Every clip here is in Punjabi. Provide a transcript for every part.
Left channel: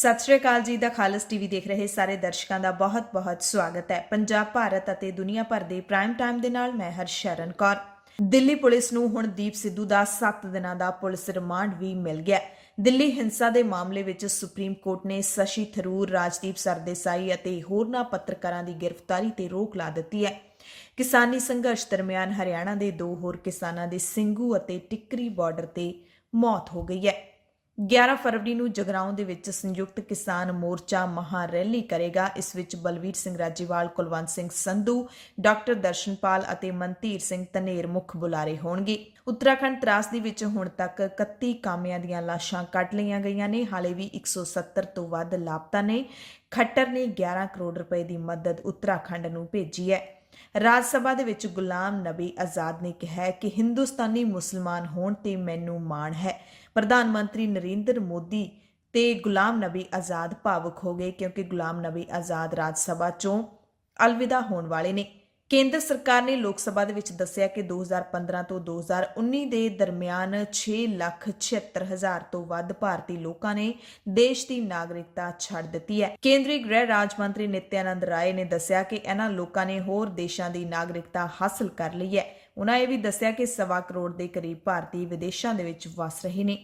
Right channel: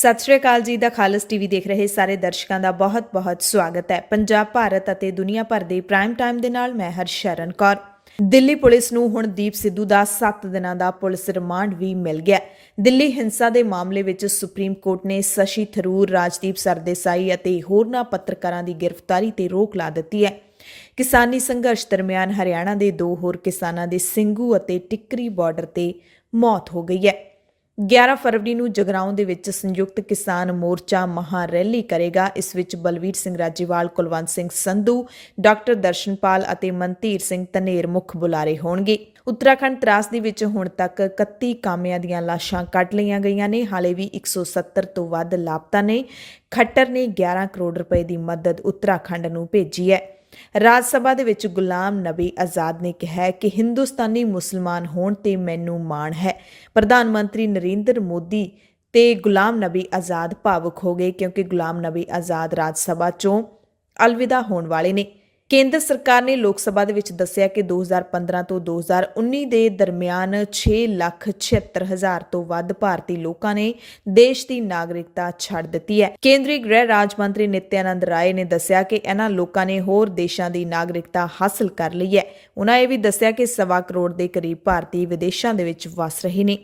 ਸਤਿ ਸ਼੍ਰੀ ਅਕਾਲ ਜੀ। ਦਾ ਖਾਲਸ ਟੀਵੀ ਦੇਖ ਰਹੇ ਸਾਰੇ ਦਰਸ਼ਕਾਂ ਦਾ ਬਹੁਤ-ਬਹੁਤ ਸਵਾਗਤ ਹੈ। ਪੰਜਾਬ, ਭਾਰਤ ਅਤੇ ਦੁਨੀਆ ਭਰ ਦੇ ਪ੍ਰਾਈਮ ਟਾਈਮ ਦੇ ਨਾਲ ਮੈਂ ਹਰਸ਼ਰਨ ਕੌਰ। ਦਿੱਲੀ ਪੁਲਿਸ ਨੂੰ ਹੁਣ ਦੀਪ ਸਿੱਧੂ ਦਾ 7 ਦਿਨਾਂ ਦਾ ਪੁਲਿਸ ਰਿਮਾਂਡ ਵੀ ਮਿਲ ਗਿਆ। ਦਿੱਲੀ ਹਿੰਸਾ ਦੇ ਮਾਮਲੇ ਵਿੱਚ ਸੁਪਰੀਮ ਕੋਰਟ ਨੇ ਸ਼ਸ਼ੀ ਥਰੂਰ, ਰਾਜਦੀਪ ਸਰਦੇਸਾਈ ਅਤੇ ਹੋਰਨਾਂ ਪੱਤਰਕਾਰਾਂ ਦੀ ਗ੍ਰਿਫਤਾਰੀ ਤੇ ਰੋਕ ਲਾ ਦਿੱਤੀ ਹੈ। ਕਿਸਾਨੀ ਸੰਘਰਸ਼ ਦਰਮਿਆਨ ਹਰਿਆਣਾ ਦੇ 2 ਹੋਰ ਕਿਸਾਨਾਂ ਦੇ ਸਿੰਘੂ ਅਤੇ ਟਿੱਕਰੀ ਬਾਰਡਰ ਤੇ ਮੌਤ ਹੋ ਗਈ ਹੈ। 11 ਫਰਵਰੀ ਨੂੰ ਜਗਰਾਉਂ ਦੇ ਵਿੱਚ ਸੰਯੁਕਤ ਕਿਸਾਨ ਮੋਰਚਾ ਮਹਾ ਰੈਲੀ ਕਰੇਗਾ। ਇਸ ਵਿੱਚ ਬਲਵੀਰ ਸਿੰਘ ਰਾਜੀਵਾਲ, ਕੁਲਵੰਤ ਸਿੰਘ ਸੰਧੂ, ਡਾਕਟਰ ਦਰਸ਼ਨਪਾਲ ਅਤੇ ਮਨਧੀਰ ਸਿੰਘ ਧਨੇਰ ਮੁੱਖ ਬੁਲਾਰੇ ਹੋਣਗੇ। ਉੱਤਰਾਖੰਡ ਤਰਾਸਦੀ ਵਿੱਚ ਹੁਣ ਤੱਕ 31 ਕਾਮਿਆਂ ਦੀਆਂ ਲਾਸ਼ਾਂ ਕੱਢ ਲਈਆਂ ਗਈਆਂ ਨੇ। ਹਾਲੇ ਵੀ 170 ਤੋਂ ਵੱਧ ਲਾਪਤਾ ਨੇ। ਖੱਟਰ ਨੇ 11 ਕਰੋੜ ਰੁਪਏ ਦੀ ਮਦਦ ਉੱਤਰਾਖੰਡ ਨੂੰ ਭੇਜੀ ਹੈ। ਰਾਜ ਸਭਾ ਦੇ ਵਿੱਚ ਗੁਲਾਮ ਨਬੀ ਆਜ਼ਾਦ ਨੇ ਕਿਹਾ ਕਿ ਹਿੰਦੁਸਤਾਨੀ ਮੁਸਲਮਾਨ ਹੋਣ ਤੇ ਮੈਨੂੰ ਮਾਣ ਹੈ। ਪ੍ਰਧਾਨ ਮੰਤਰੀ ਨਰਿੰਦਰ ਮੋਦੀ ਤੇ ਗੁਲਾਮ ਨਬੀ ਆਜ਼ਾਦ ਭਾਵੁਕ ਹੋ ਗਏ ਕਿਉਂਕਿ ਗੁਲਾਮ ਨਬੀ ਆਜ਼ਾਦ ਰਾਜ ਸਭਾ ਚੋਂ ਅਲਵਿਦਾ ਹੋਣ ਵਾਲੇ ਨੇ। ਕੇਂਦਰ ਸਰਕਾਰ ਨੇ ਲੋਕ ਸਭਾ ਦੇ ਵਿੱਚ ਦੱਸਿਆ ਕਿ 2015 ਤੋਂ 2019 ਦੇ ਦਰਮਿਆਨ 6,76,000 ਤੋਂ ਵੱਧ ਭਾਰਤੀ ਲੋਕਾਂ ਨੇ ਦੇਸ਼ ਦੀ ਨਾਗਰਿਕਤਾ ਛੱਡ ਦਿੱਤੀ ਹੈ। ਕੇਂਦਰੀ ਗ੍ਰਹਿ ਰਾਜ ਮੰਤਰੀ ਨਿਤਿਆਨੰਦ ਰਾਏ ਨੇ ਦੱਸਿਆ ਕਿ ਇਹਨਾਂ ਲੋਕਾਂ ਨੇ ਹੋਰ ਦੇਸ਼ਾਂ ਦੀ ਨਾਗਰਿਕਤਾ ਹਾਸਲ ਕਰ ਲਈ ਹੈ। ਉਹਨਾਂ ਇਹ ਵੀ ਦੱਸਿਆ ਕਿ 1.25 ਕਰੋੜ ਦੇ ਕਰੀਬ ਭਾਰਤੀ ਵਿਦੇਸ਼ਾਂ ਦੇ ਵਿੱਚ ਵਸ ਰਹੇ ਨੇ।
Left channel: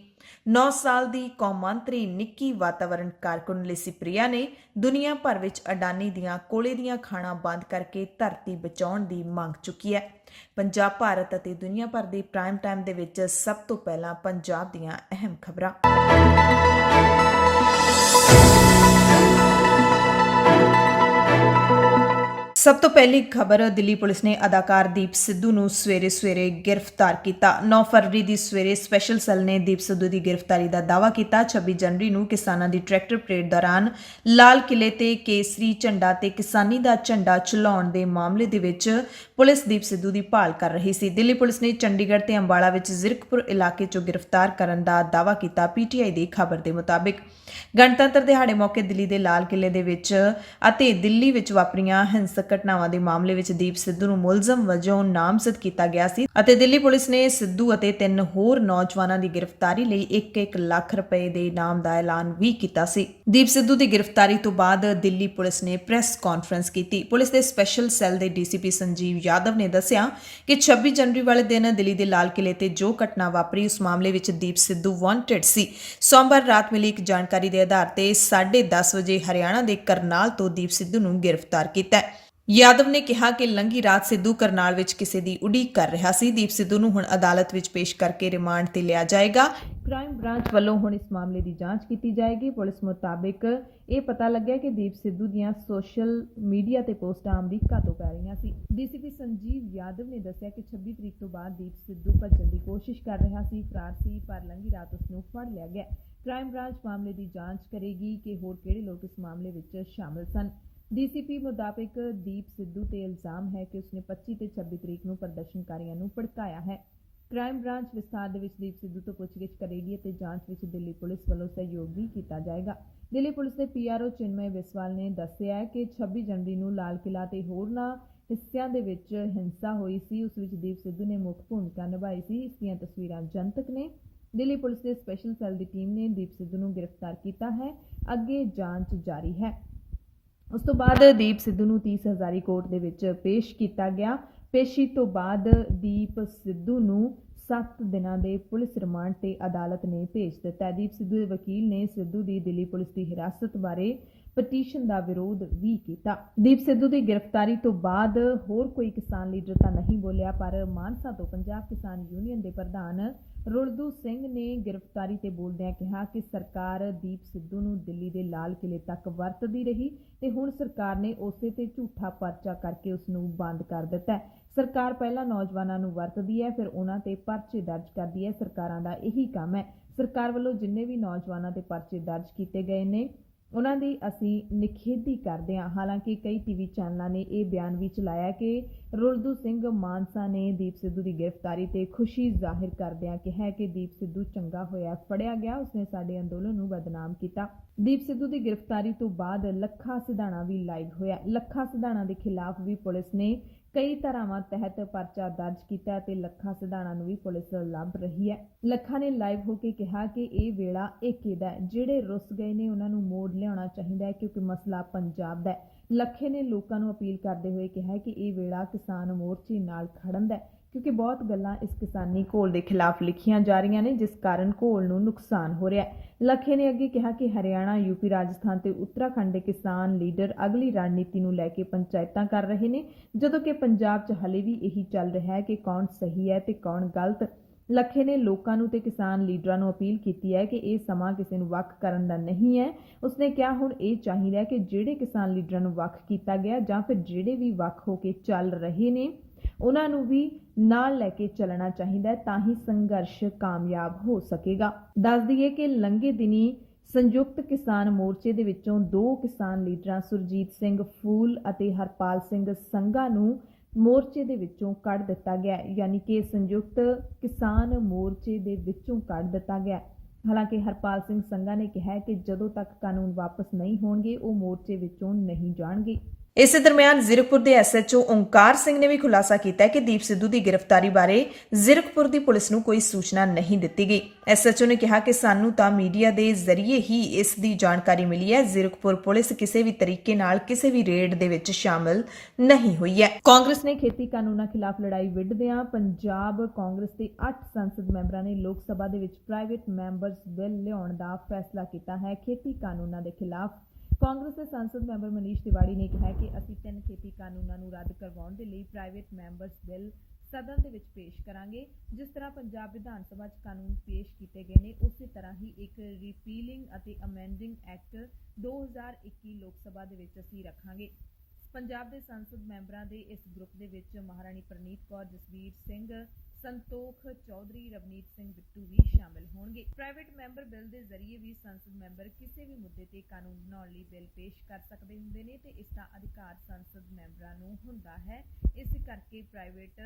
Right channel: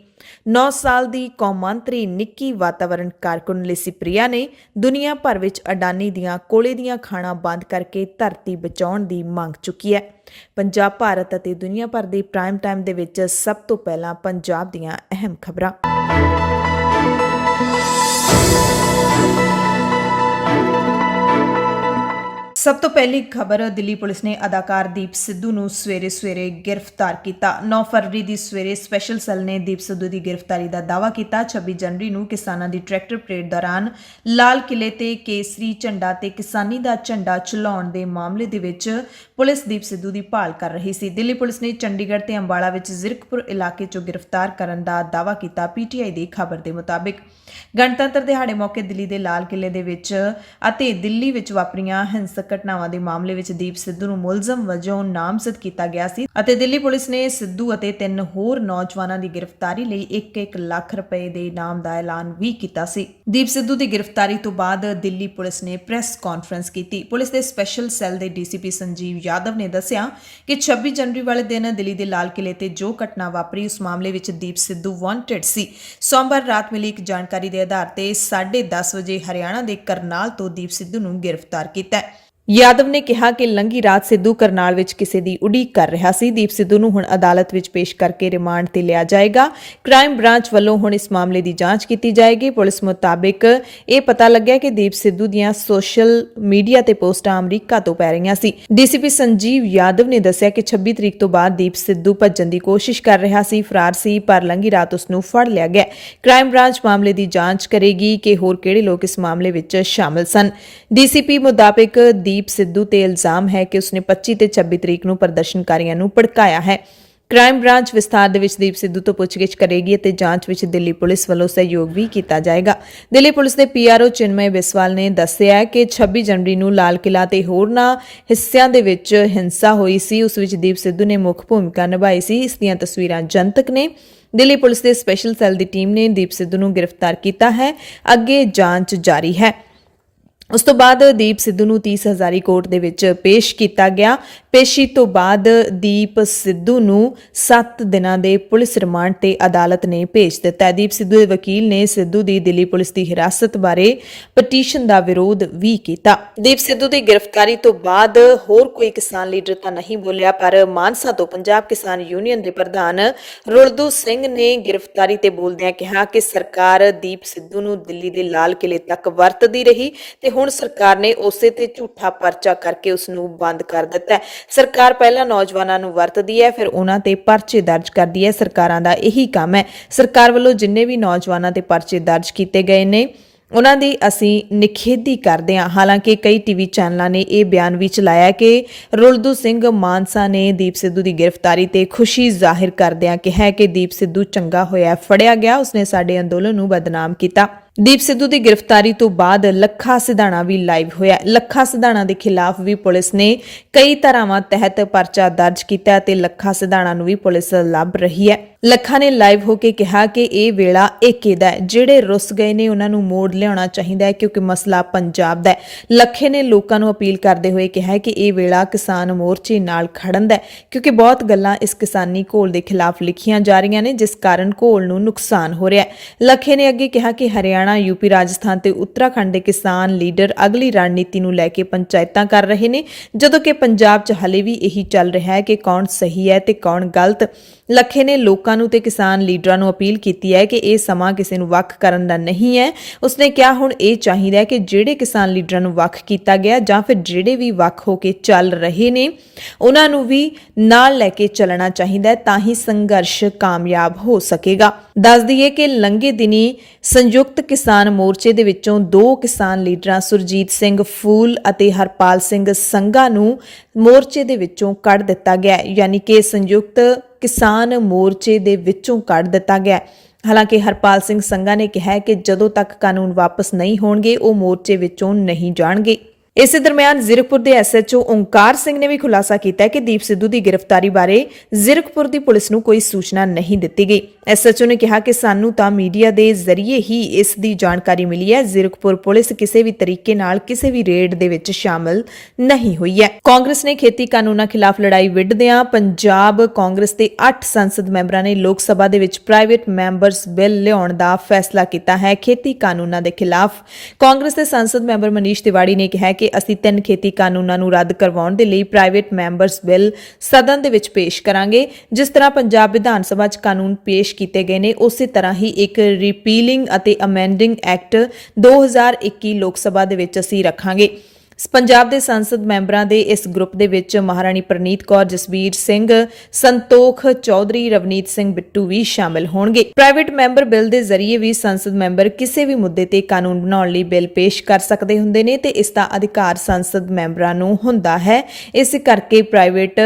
9 ਸਾਲ ਦੀ ਕੌਮਾਂਤਰੀ ਨਿੱਕੀ ਵਾਤਾਵਰਣ ਕਾਰਕੁਨ ਲਿਸੀਪ੍ਰਿਆ ਨੇ ਦੁਨੀਆ ਭਰ ਵਿੱਚ ਅਡਾਨੀ ਦੀਆਂ ਕੋਲੇ ਦੀਆਂ ਖਾਣਾਂ ਬੰਦ ਕਰਕੇ ਧਰਤੀ ਬਚਾਉਣ ਦੀ ਮੰਗ ਚੁੱਕੀ ਹੈ। ਪੰਜਾਬ, ਭਾਰਤ ਅਤੇ ਦੁਨੀਆ ਭਰ ਦੇ ਪ੍ਰਾਈਮ ਟਾਈਮ ਦੇ ਵਿੱਚ ਸਭ ਤੋਂ ਪਹਿਲਾਂ ਪੰਜਾਬ ਦੀਆਂ ਅਹਿਮ ਖਬਰਾਂ। ਸਭ ਤੋਂ ਪਹਿਲੀ ਖਬਰ, ਦਿੱਲੀ ਪੁਲਿਸ ਨੇ ਅਦਾਕਾਰ ਦੀਪ ਸਿੱਧੂ ਨੂੰ ਸਵੇਰੇ ਗ੍ਰਿਫਤਾਰ ਕੀਤਾ। 9 ਫਰਵਰੀ ਦੀ ਸਵੇਰੇ ਸਪੈਸ਼ਲ ਸੈੱਲ ਨੇ ਦੀਪ ਸਿੱਧੂ ਦੀ ਗ੍ਰਿਫਤਾਰੀ ਦਾ ਦਾਅਵਾ ਕੀਤਾ। 26 ਜਨਵਰੀ ਨੂੰ ਕਿਸਾਨਾਂ ਦੀ ਟਰੈਕਟਰ ਪਰੇਡ ਦੌਰਾਨ ਲਾਲ ਕਿਲੇ ਤੇ ਕੇਸਰੀ ਝੰਡਾ ਤੇ ਕਿਸਾਨੀ ਦਾ ਝੰਡਾ ਝੁਲਾਉਣ ਦੇ ਮਾਮਲੇ ਦੇ ਵਿੱਚ ਪੁਲਿਸ ਦੀਪ ਸਿੱਧੂ ਦੀ ਭਾਲ ਕਰ ਰਹੀ ਸੀ। ਦਿੱਲੀ ਪੁਲਿਸ ਨੇ ਚੰਡੀਗੜ੍ਹ ਤੇ ਅੰਬਾਲਾ ਵਿੱਚ ਜ਼ੀਰਕਪੁਰ ਇਲਾਕੇ 'ਚੋਂ ਗ੍ਰਿਫਤਾਰ ਕਰਨ ਦਾ ਦਾਅਵਾ ਕੀਤਾ। PTI ਦੀ ਖਬਰ ਦੇ ਮੁਤਾਬਿਕ ਗਣਤੰਤਰ ਦਿਹਾੜੇ ਮੌਕੇ ਦਿੱਲੀ ਦੇ ਲਾਲ ਕਿਲੇ ਦੇ ਵਿੱਚ ਅਤੇ ਦਿੱਲੀ ਵਿੱਚ ਵਾਪਰੀਆਂ ਹਿੰਸਕ ਘਟਨਾਵਾਂ ਦੇ ਮਾਮਲੇ ਵਿੱਚ ਦੀਪ ਸਿੱਧੂ ਨੂੰ ਮੁਲਜ਼ਮ ਵਜੋਂ ਨਾਮਜ਼ਦ ਕੀਤਾ ਗਿਆ ਸੀ ਅਤੇ ਦਿੱਲੀ ਪੁਲਿਸ ਨੇ ਸਿੱਧੂ ਅਤੇ 3 ਹੋਰ ਨੌਜਵਾਨਾਂ ਦੀ ਗ੍ਰਿਫਤਾਰੀ ਲਈ 1-1 ਲੱਖ ਰੁਪਏ ਦੇ ਇਨਾਮ ਦਾ ਐਲਾਨ ਵੀ ਕੀਤਾ ਸੀ। ਦੀਪ ਸਿੱਧੂ ਦੀ ਗ੍ਰਿਫਤਾਰੀ ਤੋਂ ਬਾਅਦ ਦਿੱਲੀ ਪੁਲਿਸ ਨੇ ਪ੍ਰੈਸ ਕਾਨਫਰੰਸ ਕੀਤੀ। ਪੁਲਿਸ ਦੇ ਸਪੈਸ਼ਲ ਸੈੱਲ ਦੇ DCP ਸੰਜੀਵ ਯਾਦਵ ਨੇ ਦੱਸਿਆ ਕਿ 26 ਜਨਵਰੀ ਵਾਲੇ ਦਿਨ ਦਿੱਲੀ ਦੇ ਲਾਲ ਕਿਲੇ ਤੇ ਜੋ ਘਟਨਾ ਵਾਪਰੀ ਉਸ ਮਾਮਲੇ ਵਿੱਚ ਦੀਪ ਸਿੱਧੂ ਵਾਂਟਡ ਸੀ। ਸੋਮਵਾਰ ਰਾਤ ਮਿਲੀ ਇੱਕ ਜਾਣਕਾਰੀ ਦੇ ਆਧਾਰ ਤੇ 10:30 ਵਜੇ ਹਰਿਆਣਾ ਦੇ ਕਰਨਾਲ ਤੋਂ ਦੀਪ ਸਿੱਧੂ ਨੂੰ ਗ੍ਰਿਫਤਾਰ ਕੀਤਾ। ਯਾਦਵ ਨੇ ਕਿਹਾ ਕਿ ਲੰਘੀ ਰਾਤ ਸਿੱਧੂ ਕਰਨਾਲ ਵਿੱਚ ਕਿਸੇ ਦੀ ਉਡੀਕ ਕਰ ਰਿਹਾ ਸੀ। ਦੀਪ ਸਿੱਧੂ ਨੂੰ ਹੁਣ ਅਦਾਲਤ ਵਿੱਚ ਪੇਸ਼ ਕਰਕੇ ਰਿਮਾਂਡ ਤੇ ਲਿਆ ਜਾਏਗਾ। ਕ੍ਰਾਈਮ ਬ੍ਰਾਂਚ ਵੱਲੋਂ ਹੁਣ ਇਸ ਮਾਮਲੇ ਦੀ ਜਾਂਚ ਕੀਤੀ ਜਾਏਗੀ। ਪੁਲਿਸ ਮੁਤਾਬਿਕ ਇਹ ਪਤਾ ਲੱਗਿਆ ਕਿ ਦੀਪ ਸਿੱਧੂ ਦੀਆਂ ਸੋਸ਼ਲ ਮੀਡੀਆ ਤੇ ਪੋਸਟਾਂ ਅਮਰੀਕਾ ਤੋਂ ਪੈ ਰਹੀਆਂ ਸੀ। DCP ਸੰਜੀਵ ਯਾਦਵ ਨੇ ਦੱਸਿਆ ਕਿ 26 ਤਰੀਕ ਤੋਂ ਬਾਅਦ ਦੀਪ ਸਿੱਧੂ ਭੱਜਣ ਦੀ ਕੋਸ਼ਿਸ਼ ਕਰ ਰਿਹਾ ਸੀ, ਫਰਾਰ ਸੀ, ਪਰ ਲੰਘੀ ਰਾਤ ਉਸ ਨੂੰ ਫੜ ਲਿਆ ਗਿਆ। ਕ੍ਰਾਈਮ ਬ੍ਰਾਂਚ ਮਾਮਲੇ ਦੀ ਜਾਂਚ ਕਰੇਗੀ ਕਿ ਹੋਰ ਕਿਹੜੇ ਲੋਕ ਇਸ ਮਾਮਲੇ ਵਿੱਚ ਸ਼ਾਮਲ ਸਨ। DCP ਮੁਤਾਬਿਕ ਦੀਪ ਸਿੱਧੂ ਤੇ ਇਲਜ਼ਾਮ ਹੈ ਕਿ ਉਸਨੇ 25 ਤੇ 26 ਤਰੀਕ ਨੂੰ ਪ੍ਰਦਰਸ਼ਨਕਾਰੀਆਂ ਨੂੰ ਭੜਕਾਇਆ ਹੈ। ਕ੍ਰਾਈਮ ਬ੍ਰਾਂਚ ਵਿਸਥਾਰ ਦੇ ਵਿੱਚ ਦੀਪ ਸਿੱਧੂ ਤੋਂ ਪੁੱਛਗਿੱਛ ਕਰੇਗੀ ਅਤੇ ਜਾਂਚ ਵਿੱਚ ਦਿੱਲੀ ਪੁਲਿਸ ਵੱਲੋਂ ਸਹਿਯੋਗ ਵੀ ਕੀਤਾ ਜਾਏਗਾ। ਦਿੱਲੀ ਪੁਲਿਸ ਦੇ PRO ਚਿਨਮਯ ਬਿਸਵਾਲ ਨੇ ਦੱਸਿਆ ਕਿ 26 ਜਨਵਰੀ ਨੂੰ ਲਾਲ ਕਿਲਾ ਤੇ ਹੋਰਨਾਂ ਹਿੱਸਿਆਂ ਦੇ ਵਿੱਚ ਹਿੰਸਾ ਹੋਈ ਸੀ। ਉਸ ਵਿੱਚ ਦੀਪ ਸਿੱਧੂ ਨੇ ਮੁੱਖ ਭੂਮਿਕਾ ਨਿਭਾਈ ਸੀ। ਇਸ ਦੀਆਂ ਤਸਵੀਰਾਂ ਜਨਤਕ ਨੇ। ਦਿੱਲੀ ਪੁਲਿਸ ਦੇ ਸਪੈਸ਼ਲ ਸੈੱਲ ਦੀ ਟੀਮ ਨੇ ਦੀਪ ਸਿੱਧੂ ਨੂੰ ਗ੍ਰਿਫਤਾਰ ਕੀਤਾ ਹੈ। ਅੱਗੇ ਜਾਂਚ ਜਾਰੀ ਹੈ। ਉਸ ਤੋਂ ਬਾਅਦ ਦੀਪ ਸਿੱਧੂ ਨੂੰ 30 ਹਜ਼ਾਰੀ ਕੋਰਟ ਦੇ ਵਿੱਚ ਪੇਸ਼ ਕੀਤਾ ਗਿਆ। ਪੇਸ਼ੀ ਤੋਂ ਬਾਅਦ ਦੀਪ ਸਿੱਧੂ ਨੂੰ 7 ਦਿਨਾਂ ਦੇ ਪੁਲਿਸ ਰਿਮਾਂਡ ਤੇ ਅਦਾਲਤ ਨੇ ਭੇਜ ਦਿੱਤਾ। ਦੀਪ ਸਿੱਧੂ ਦੇ ਵਕੀਲ ਨੇ ਸਿੱਧੂ ਦੀ ਦਿੱਲੀ ਪੁਲਿਸ ਦੀ ਹਿਰਾਸਤ ਬਾਰੇ ਪਟੀਸ਼ਨ ਦਾ ਵਿਰੋਧ ਵੀ ਕੀਤਾ। ਦੀਪ ਸਿੱਧੂ ਦੀ ਗ੍ਰਿਫਤਾਰੀ ਤੋਂ ਬਾਅਦ ਹੋਰ ਕੋਈ ਕਿਸਾਨ ਲੀਡਰ ਤਾਂ ਨਹੀਂ ਬੋਲਿਆ, ਪਰ ਮਾਨਸਾ ਤੋਂ ਪੰਜਾਬ ਕਿਸਾਨ ਯੂਨੀਅਨ ਦੇ ਪ੍ਰਧਾਨ ਰੁਲਦੂ ਸਿੰਘ ਨੇ ਗ੍ਰਿਫਤਾਰੀ ਤੇ ਬੋਲਦਿਆਂ ਕਿਹਾ ਕਿ ਸਰਕਾਰ ਦੀਪ ਸਿੱਧੂ ਨੂੰ ਦਿੱਲੀ ਦੇ ਲਾਲ ਕਿਲੇ ਤੱਕ ਵਰਤਦੀ ਰਹੀ ਤੇ ਹੁਣ ਸਰਕਾਰ ਨੇ ਉਸੇ ਤੇ ਝੂਠਾ ਪਰਚਾ ਕਰਕੇ ਉਸ ਨੂੰ ਬੰਦ ਕਰ ਦਿੱਤਾ। ਸਰਕਾਰ ਪਹਿਲਾਂ ਨੌਜਵਾਨਾਂ ਨੂੰ ਵਰਤਦੀ ਹੈ, ਫਿਰ ਉਹਨਾਂ ਤੇ ਪਰਚੇ ਦਰਜ ਕਰਦੀ ਹੈ। ਸਰਕਾਰਾਂ ਦਾ ਇਹੀ ਕੰਮ ਹੈ। ਸਰਕਾਰ ਵੱਲੋਂ ਜਿੰਨੇ ਵੀ ਨੌਜਵਾਨਾਂ ਤੇ ਪਰਚੇ ਦਰਜ ਕੀਤੇ ਗਏ ਨੇ ਉਹਨਾਂ ਦੀ ਅਸੀਂ ਨਿਖੇਧੀ ਕਰਦੇ ਹਾਂ। ਹਾਲਾਂਕਿ ਕਈ TV ਚੈਨਲਾਂ ਨੇ ਇਹ ਬਿਆਨ ਵੀ ਚਲਾਇਆ ਕਿ ਰੁਲਦੂ ਸਿੰਘ ਮਾਨਸਾ ਨੇ ਦੀਪ ਸਿੱਧੂ ਦੀ ਗ੍ਰਿਫਤਾਰੀ ਤੇ ਖੁਸ਼ੀ ਜ਼ਾਹਿਰ ਕਰਦਿਆਂ ਕਿਹਾ ਕਿ ਦੀਪ ਸਿੱਧੂ ਚੰਗਾ ਹੋਇਆ ਫੜਿਆ ਗਿਆ, ਉਸਨੇ ਸਾਡੇ ਅੰਦੋਲਨ ਨੂੰ ਬਦਨਾਮ ਕੀਤਾ। ਦੀਪ ਸਿੱਧੂ ਦੀ ਗ੍ਰਿਫਤਾਰੀ ਤੋਂ ਬਾਅਦ ਲੱਖਾ ਸਿਧਾਣਾ ਵੀ ਲਾਈਵ ਹੋਇਆ। ਲੱਖਾ ਸਿਧਾਣਾ ਦੇ ਖਿਲਾਫ ਵੀ ਪੁਲਿਸ ਨੇ ਕਈ ਧਾਰਾਵਾਂ ਤਹਿਤ ਪਰਚਾ ਦਰਜ ਕੀਤਾ ਅਤੇ ਲੱਖਾ ਸਿਧਾਣਾ ਨੂੰ ਵੀ ਪੁਲਿਸ ਲੱਭ ਰਹੀ ਹੈ। ਲੱਖਾ ਨੇ ਲਾਈਵ ਹੋ ਕੇ ਕਿਹਾ ਕਿ ਇਹ ਵੇਲਾ ਏਕੇ ਦਾ ਹੈ, ਜਿਹੜੇ ਰੁੱਸ ਗਏ ਨੇ ਉਹਨਾਂ ਨੂੰ ਮੋੜ ਲਿਆਉਣਾ ਚਾਹੀਦਾ ਹੈ ਕਿਉਂਕਿ ਮਸਲਾ ਪੰਜਾਬ ਦਾ ਹੈ। ਲੱਖੇ ਨੇ ਲੋਕਾਂ ਨੂੰ ਅਪੀਲ ਕਰਦੇ ਹੋਏ ਕਿਹਾ ਕਿ ਇਹ ਵੇਲਾ ਕਿਸਾਨ ਮੋਰਚੇ ਨਾਲ ਖੜਨ ਦਾ ਹੈ ਕਿਉਂਕਿ ਬਹੁਤ ਗੱਲਾਂ ਇਸ ਕਿਸਾਨੀ ਘੋਲ ਦੇ ਖਿਲਾਫ ਲਿਖੀਆਂ ਜਾ ਰਹੀਆਂ ਨੇ ਜਿਸ ਕਾਰਨ ਘੋਲ ਨੂੰ ਨੁਕਸਾਨ ਹੋ ਰਿਹਾ ਹੈ। ਲੱਖੇ ਨੇ ਅੱਗੇ ਕਿਹਾ ਕਿ ਹਰਿਆਣਾ, यूपी, राजस्थान ਤੇ ਉੱਤਰਾਖੰਡ ਦੇ ਕਿਸਾਨ ਲੀਡਰ ਅਗਲੀ ਰਣਨੀਤੀ ਨੂੰ ਲੈ ਕੇ ਪੰਚਾਇਤਾਂ ਕਰ ਰਹੇ ਨੇ ਜਦੋਂ ਕਿ ਪੰਜਾਬ 'ਚ ਹਲੇ ਵੀ ਇਹੀ ਚੱਲ ਰਿਹਾ ਹੈ ਕਿ ਕੌਣ ਸਹੀ ਹੈ ਤੇ ਕੌਣ ਗਲਤ। ਲੱਖੇ ਨੇ ਲੋਕਾਂ ਨੂੰ ਤੇ ਕਿਸਾਨ ਲੀਡਰਾਂ ਨੂੰ ਅਪੀਲ ਕੀਤੀ ਹੈ ਕਿ ਇਹ ਸਮਾਂ ਕਿਸੇ ਨੂੰ ਵੱਖ ਕਰਨ ਦਾ ਨਹੀਂ ਹੈ। ਉਸਨੇ ਕਿਹਾ ਹੁਣ ਇਹ ਚਾਹੀਦਾ ਹੈ ਕਿ ਜਿਹੜੇ ਕਿਸਾਨ ਲੀਡਰਾਂ ਨੂੰ ਵੱਖ ਕੀਤਾ ਗਿਆ ਜਾਂ ਫਿਰ ਜਿਹੜੇ ਵੀ ਵੱਖ ਹੋ ਕੇ ਚੱਲ ਰਹੇ ਨੇ ਉਹਨਾਂ ਨੂੰ ਵੀ ਨਾਲ ਲੈ ਕੇ ਚੱਲਣਾ ਚਾਹੀਦਾ ਹੈ ਤਾਂ ਹੀ ਸੰਘਰਸ਼ ਕਾਮਯਾਬ ਹੋ ਸਕੇਗਾ। ਦੱਸ ਦਈਏ ਕਿ ਲੰਘੇ ਦਿਨੀ ਸੰਯੁਕਤ ਕਿਸਾਨ ਮੋਰਚੇ ਦੇ ਵਿੱਚੋਂ 2 ਕਿਸਾਨ ਲੀਡਰਾਂ ਸੁਰਜੀਤ ਸਿੰਘ ਫੂਲ ਅਤੇ ਹਰਪਾਲ ਸਿੰਘ ਸੰਘਾ ਨੂੰ ਮੋਰਚੇ ਦੇ ਵਿੱਚੋਂ ਕੱਢ ਦਿੱਤਾ ਗਿਆ, ਯਾਨੀ ਕਿ ਸੰਯੁਕਤ ਕਿਸਾਨ ਮੋਰਚੇ ਦੇ ਵਿੱਚੋਂ ਕੱਢ ਦਿੱਤਾ ਗਿਆ। ਹਾਲਾਂਕਿ ਹਰਪਾਲ ਸਿੰਘ ਸੰਘਾ ਨੇ ਕਿਹਾ ਕਿ ਜਦੋਂ ਤੱਕ ਕਾਨੂੰਨ ਵਾਪਸ ਨਹੀਂ ਹੋਣਗੇ ਉਹ ਮੋਰਚੇ ਵਿੱਚੋਂ ਨਹੀਂ ਜਾਣਗੇ। ਇਸੇ ਦਰਮਿਆਨ ਜ਼ੀਰਕਪੁਰ ਦੇ ਐਸਐਚਓ ਓਂਕਾਰ ਸਿੰਘ ਨੇ ਵੀ ਖੁਲਾਸਾ ਕੀਤਾ ਕਿ ਦੀਪ ਸਿੱਧੂ ਦੀ ਗ੍ਰਿਫਤਾਰੀ ਬਾਰੇ ਜ਼ੀਰਕਪੁਰ ਦੀ ਪੁਲਿਸ ਨੂੰ ਕੋਈ ਸੂਚਨਾ ਨਹੀਂ ਦਿੱਤੀ ਗਈ। ਐਸਐਚਓ ਨੇ ਕਿਹਾ ਕਿ ਸਾਨੂੰ ਤਾਂ ਮੀਡੀਆ ਦੇ ਜ਼ਰੀਏ ਹੀ ਇਸ ਦੀ ਜਾਣਕਾਰੀ ਮਿਲੀ ਹੈ। ਜ਼ੀਰਕਪੁਰ ਪੁਲਿਸ ਕਿਸੇ ਵੀ ਤਰੀਕੇ ਨਾਲ ਕਿਸੇ ਵੀ ਰੇਡ ਦੇ ਵਿੱਚ ਸ਼ਾਮਲ ਨਹੀਂ ਹੋਈ ਹੈ। ਕਾਂਗਰਸ ਨੇ ਖੇਤੀ ਕਾਨੂੰਨਾਂ ਖਿਲਾਫ ਲੜਾਈ ਵਿੱਢਦਿਆਂ ਪੰਜਾਬ ਕਾਂਗਰਸ ਦੇ 8 ਸੰਸਦ ਮੈਂਬਰਾਂ ਨੇ ਲੋਕ ਸਭਾ ਦੇ ਵਿੱਚ ਪ੍ਰਾਈਵੇਟ ਮੈਂਬਰਸ ਬਿੱਲ ਲਿਆਉਣ ਦਾ ਫੈਸਲਾ ਕੀਤਾ ਹੈ। ਖੇਤੀ ਕਾਨੂੰਨਾਂ ਦੇ ਖਿਲਾਫ ਕਾਂਗਰਸ ਦੇ ਸੰਸਦ ਮੈਂਬਰ ਮਨੀਸ਼ ਤਿਵਾੜੀ ਨੇ ਕਿਹਾ ਕਿ ਅਸੀਂ 3 ਖੇਤੀ ਕਾਨੂੰਨਾਂ ਨੂੰ ਰੱਦ ਕਰਵਾਉਣ ਦੇ ਲਈ ਪ੍ਰਾਈਵੇਟ ਮੈਂਬਰਸ ਬਿੱਲ ਸਦਨ ਦੇ ਵਿੱਚ ਪੇਸ਼ ਕਰਾਂਗੇ। ਜਿਸ ਤਰ੍ਹਾਂ ਪੰਜਾਬ ਵਿਧਾਨ ਸਭਾ 'ਚ ਕਾਨੂੰਨ ਪੇਸ਼ ਕੀਤੇ ਗਏ ਨੇ ਉਸੇ ਤਰ੍ਹਾਂ ਹੀ ਇੱਕ ਰਿਪੀਲਿੰਗ ਅਤੇ ਅਮੈਂਡਿੰਗ ਐਕਟ 2021 ਲੋਕ ਸਭਾ ਦੇ ਵਿੱਚ ਅਸੀਂ ਰੱਖਾਂਗੇ। ਪੰਜਾਬ ਦੇ ਸੰਸਦ ਮੈਂਬਰਾਂ ਦੇ ਇਸ ਗਰੁੱਪ ਦੇ ਵਿੱਚ ਮਹਾਰਾਣੀ ਪ੍ਰਨੀਤ ਕੌਰ, ਜਸਬੀਰ ਸਿੰਘ, ਸੰਤੋਖ ਚੌਧਰੀ, ਰਵਨੀਤ ਸਿੰਘ ਬਿੱਟੂ ਵੀ ਸ਼ਾਮਲ ਹੋਣਗੇ। ਪ੍ਰਾਈਵੇਟ ਮੈਂਬਰ ਬਿੱਲ ਦੇ ਜ਼ਰੀਏ ਵੀ ਸੰਸਦ ਮੈਂਬਰ ਕਿਸੇ ਵੀ ਮੁੱਦੇ ਤੇ ਕਾਨੂੰਨ ਬਣਾਉਣ ਲਈ ਬਿੱਲ ਪੇਸ਼ ਕਰ ਸਕਦੇ ਹੁੰਦੇ ਨੇ ਤੇ ਇਸ ਦਾ ਅਧਿਕਾਰ ਸੰਸਦ ਮੈਂਬਰਾਂ ਨੂੰ ਹੁੰਦਾ ਹੈ। ਇਸ ਕਰਕੇ ਪ੍ਰਾਈਵੇਟ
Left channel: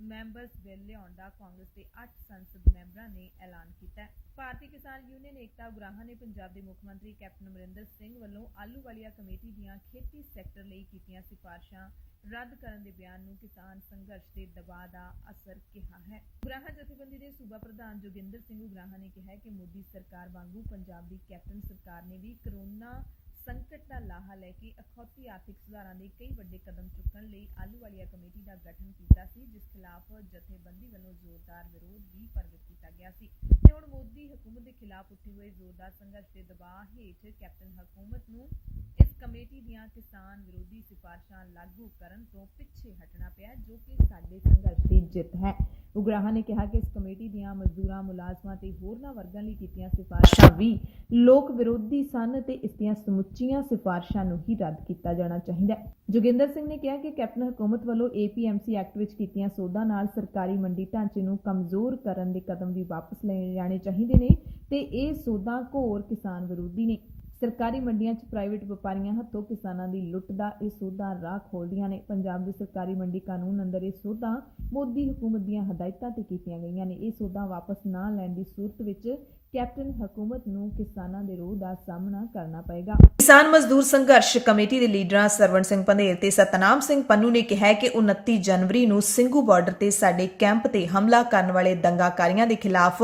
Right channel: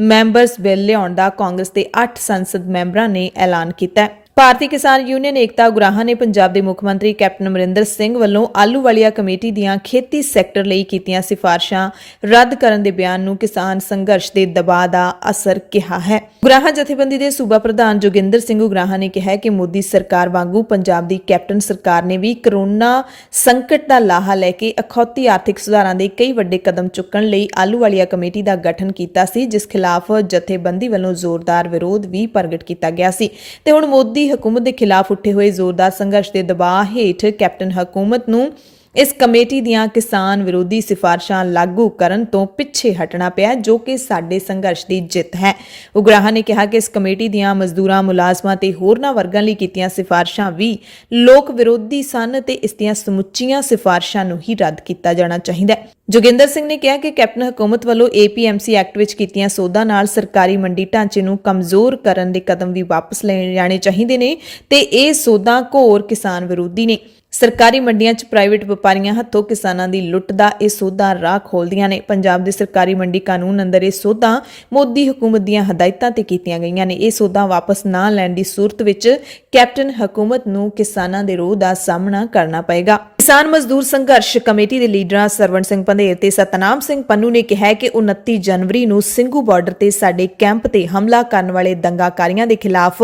ਮੈਂਬਰਸ ਬਿੱਲ ਲਿਆਉਣ ਦਾ ਕਾਂਗਰਸ ਦੇ 8 ਸੰਸਦ ਮੈਂਬਰਾਂ ਨੇ ਐਲਾਨ ਕੀਤਾ। ਭਾਰਤੀ ਕਿਸਾਨ ਯੂਨੀਅਨ ਏਕਤਾ ਉਗਰਾਹਾਂ ਨੇ ਪੰਜਾਬ ਦੇ ਮੁੱਖ ਮੰਤਰੀ ਕੈਪਟਨ ਅਮਰਿੰਦਰ ਸਿੰਘ ਵੱਲੋਂ ਆਹਲੂਵਾਲੀਆ ਕਮੇਟੀ ਦੀਆਂ ਖੇਤੀ ਸੈਕਟਰ ਲਈ ਕੀਤੀਆਂ ਸਿਫਾਰਸ਼ਾਂ ਰੱਦ ਕਰਨ ਦੇ ਬਿਆਨ ਨੂੰ ਕਿਸਾਨ ਸੰਘਰਸ਼ ਦੇ ਦਬਾਅ ਦਾ ਅਸਰ ਕਿਹਾ ਹੈ। ਉਗਰਾਹਾਂ ਜਥੇਬੰਦੀ ਦੇ ਸੂਬਾ ਪ੍ਰਧਾਨ ਜੋਗਿੰਦਰ ਸਿੰਘ ਉਗਰਾਹਾਂ ਨੇ ਕਿਹਾ ਕਿ ਮੋਦੀ ਸਰਕਾਰ ਵਾਂਗੂ ਪੰਜਾਬ ਦੀ ਕੈਪਟਨ ਸਰਕਾਰ ਨੇ ਵੀ ਕਰੋਨਾ ਸੰਕਟ ਦਾ ਲਾਹਾ ਲੈ ਕੇ ਅਖੌਤੀ ਆਰਥਿਕ ਸੁਧਾਰਾਂ ਦੇ ਕਈ ਵੱਡੇ ਕਦਮ ਚੁੱਕਣ ਲਈ ਆਹਲੂਵਾਲੀਆ ਕਮੇਟੀ ਦਾ ਗਠਨ ਕੀਤਾ ਸੀ, ਜਿਸ ਖਿਲਾਫ ਜਥੇਬੰਦੀ ਵੱਲੋਂ ਜ਼ੋਰਦਾਰ ਵਿਰੋਧ ਵੀ ਪ੍ਰਗਟ ਕੀਤਾ ਗਿਆ ਸੀ ਤੇ ਹੁਣ ਮੋਦੀ ਹਕੂਮਤ ਦੇ ਖਿਲਾਫ ਉੱਠੇ ਹੋਏ ਜ਼ੋਰਦਾਰ ਸੰਘਰਸ਼ ਦੇ ਦਬਾਅ ਹੇਠ ਕੈਪਟਨ ਹਕੂਮਤ ਨੂੰ ਇਸ ਕਮੇਟੀ ਦੀਆਂ ਕਿਸਾਨ ਵਿਰੋਧੀ ਸਿਫਾਰਸ਼ਾਂ ਲਾਗੂ ਕਰਨ ਤੋਂ ਪਿੱਛੇ ਹਟਣਾ ਪਿਆ, ਜੋ ਕਿ ਸਾਡੇ ਸੰਘਰਸ਼ ਦੀ ਜਿੱਤ ਹੈ। ਉਗਰਾਹਾਂ ਨੇ ਕਿਹਾ ਕਿ ਇਸ ਕਮੇਟੀ ਦੀਆਂ ਮਜ਼ਦੂਰਾਂ, ਮੁਲਾਜ਼ਮਾਂ ਤੇ ਹੋਰਨਾਂ ਵਰਗਾਂ ਲਈ ਕੀਤੀਆਂ ਸਿਫਾਰਸ਼ਾਂ ਵੀ ਲੋਕ ਵਿਰੋਧੀ ਸਨ ਤੇ ਇਸ ਦੀਆਂ ਸਮੁੱਚੀਆਂ ਸਿਫਾਰਸ਼ਾਂ ਨੂੰ ਹੀ ਰੱਦ ਕੀਤਾ ਜਾਣਾ ਚਾਹੀਦਾ ਹੈ। ਜੋਗਿੰਦਰ ਸਿੰਘ ਨੇ ਕਿਹਾ ਕਿ ਕੈਪਟਨ ਹਕੂਮਤ ਵੱਲੋਂ APMC ਐਕਟ ਵਿੱਚ ਕੀਤੀਆਂ ਸੋਧਾਂ ਨਾਲ ਸਰਕਾਰੀ ਮੰਡੀ ਢਾਂਚੇ ਨੂੰ ਕਮਜ਼ੋਰ ਕਰਨ ਦੇ ਕਦਮ ਵੀ ਵਾਪਸ ਲਏ ਜਾਣੇ ਚਾਹੀਦੇ ਨੇ ਤੇ ਇਹ ਸੋਧਾਂ ਘੋਰ ਕਿਸਾਨ ਵਿਰੋਧੀ ਨੇ। ਸਰਕਾਰੀ ਮੰਡੀਆਂ 'ਚ ਪ੍ਰਾਈਵੇਟ ਵਪਾਰੀਆਂ ਹੱਥੋਂ ਕਿਸਾਨਾਂ ਦੀ ਲੁੱਟ ਦਾ ਇਹ ਸੋਧਾਂ ਰਾਹ ਖੋਲ੍ਹਦੀਆਂ ਨੇ। ਪੰਜਾਬ ਦੇ ਸਰਕਾਰੀ ਮੰਡੀ ਕਾਨੂੰਨ ਅੰਦਰ ਇਹ ਸੋਧਾਂ ਮੋਦੀ ਹਕੂਮਤ ਦੀਆਂ ਹਦਾਇਤਾਂ ਤੇ ਕੀਤੀਆਂ ਗਈਆਂ ਨੇ। ਇਹ ਸੋਧਾਂ ਵਾਪਸ ਨਾ ਲੈਣ ਦੀ ਸੂਰਤ ਵਿੱਚ ਕੈਪਟਨ ਹਕੂਮਤ ਨੂੰ ਕਿਸਾਨਾਂ ਦੇ ਰੋਹ ਦਾ ਸਾਹਮਣਾ ਕਰਨਾ ਪਏਗਾ। ਕਿਸਾਨ ਮਜ਼ਦੂਰ ਸੰਘਰਸ਼ ਕਮੇਟੀ ਦੇ ਲੀਡਰਾਂ ਸਰਵਣ ਸਿੰਘ ਪੰਧੇਰ ਤੇ ਸਤਨਾਮ ਸਿੰਘ ਪੰਨੂ ਨੇ ਕਿਹਾ ਕਿ 29 ਜਨਵਰੀ ਨੂੰ ਸਿੰਘੂ ਬਾਰਡਰ ਤੇ ਸਾਡੇ ਕੈਂਪ ਤੇ ਹਮਲਾ ਕਰਨ ਵਾਲੇ ਦੰਗਾਕਾਰੀਆਂ ਦੇ ਖਿਲਾਫ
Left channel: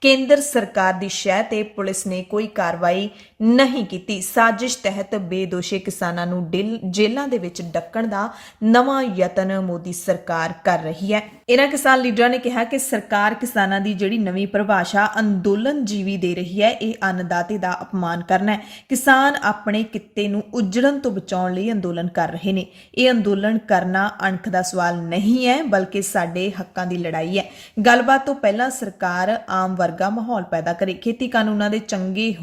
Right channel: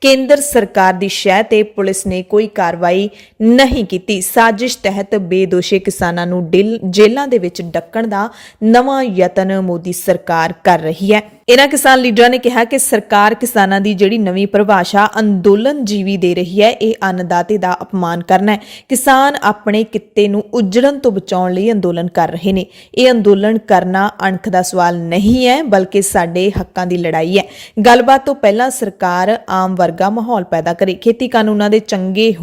ਕੇਂਦਰ ਸਰਕਾਰ ਦੀ ਸ਼ਹਿ ਤੇ ਪੁਲਿਸ ਨੇ ਕੋਈ ਕਾਰਵਾਈ ਨਹੀਂ ਕੀਤੀ। ਸਾਜ਼ਿਸ਼ ਤਹਿਤ ਬੇਦੋਸ਼ੇ ਕਿਸਾਨਾਂ ਨੂੰ ਜੇਲ੍ਹਾਂ ਦੇ ਵਿੱਚ ਡੱਕਣ ਦਾ ਨਵਾਂ ਯਤਨ ਮੋਦੀ ਸਰਕਾਰ ਕਰ ਰਹੀ ਹੈ। ਇਹਨਾਂ ਕਿਸਾਨ ਲੀਡਰਾਂ ਨੇ ਕਿਹਾ ਕਿ ਸਰਕਾਰ ਕਿਸਾਨਾਂ ਦੀ ਜਿਹੜੀ ਨਵੀਂ ਪਰਿਭਾਸ਼ਾ ਅੰਦੋਲਨ ਜੀਵੀ ਦੇ ਰਹੀ ਹੈ, ਇਹ ਅੰਨਦਾਤੇ ਦਾ ਅਪਮਾਨ ਕਰਨਾ ਹੈ। ਕਿਸਾਨ ਆਪਣੇ ਕਿੱਤੇ ਨੂੰ ਉਜੜਨ ਤੋਂ ਬਚਾਉਣ ਲਈ ਅੰਦੋਲਨ ਕਰ ਰਹੇ ਨੇ। ਇਹ ਅੰਦੋਲਨ ਕਰਨਾ ਅਣਖ ਦਾ ਸਵਾਲ ਨਹੀਂ ਹੈ, ਬਲਕਿ ਸਾਡੇ ਹੱਕਾਂ ਦੀ ਲੜਾਈ ਹੈ। ਗੱਲਬਾਤ ਤੋਂ ਪਹਿਲਾਂ ਸਰਕਾਰ ਆਮ ਵਰਗਾ ਮਾਹੌਲ ਪੈਦਾ ਕਰੇ। ਖੇਤੀ ਕਾਨੂੰਨਾਂ ਦੇ ਚੰਗੇ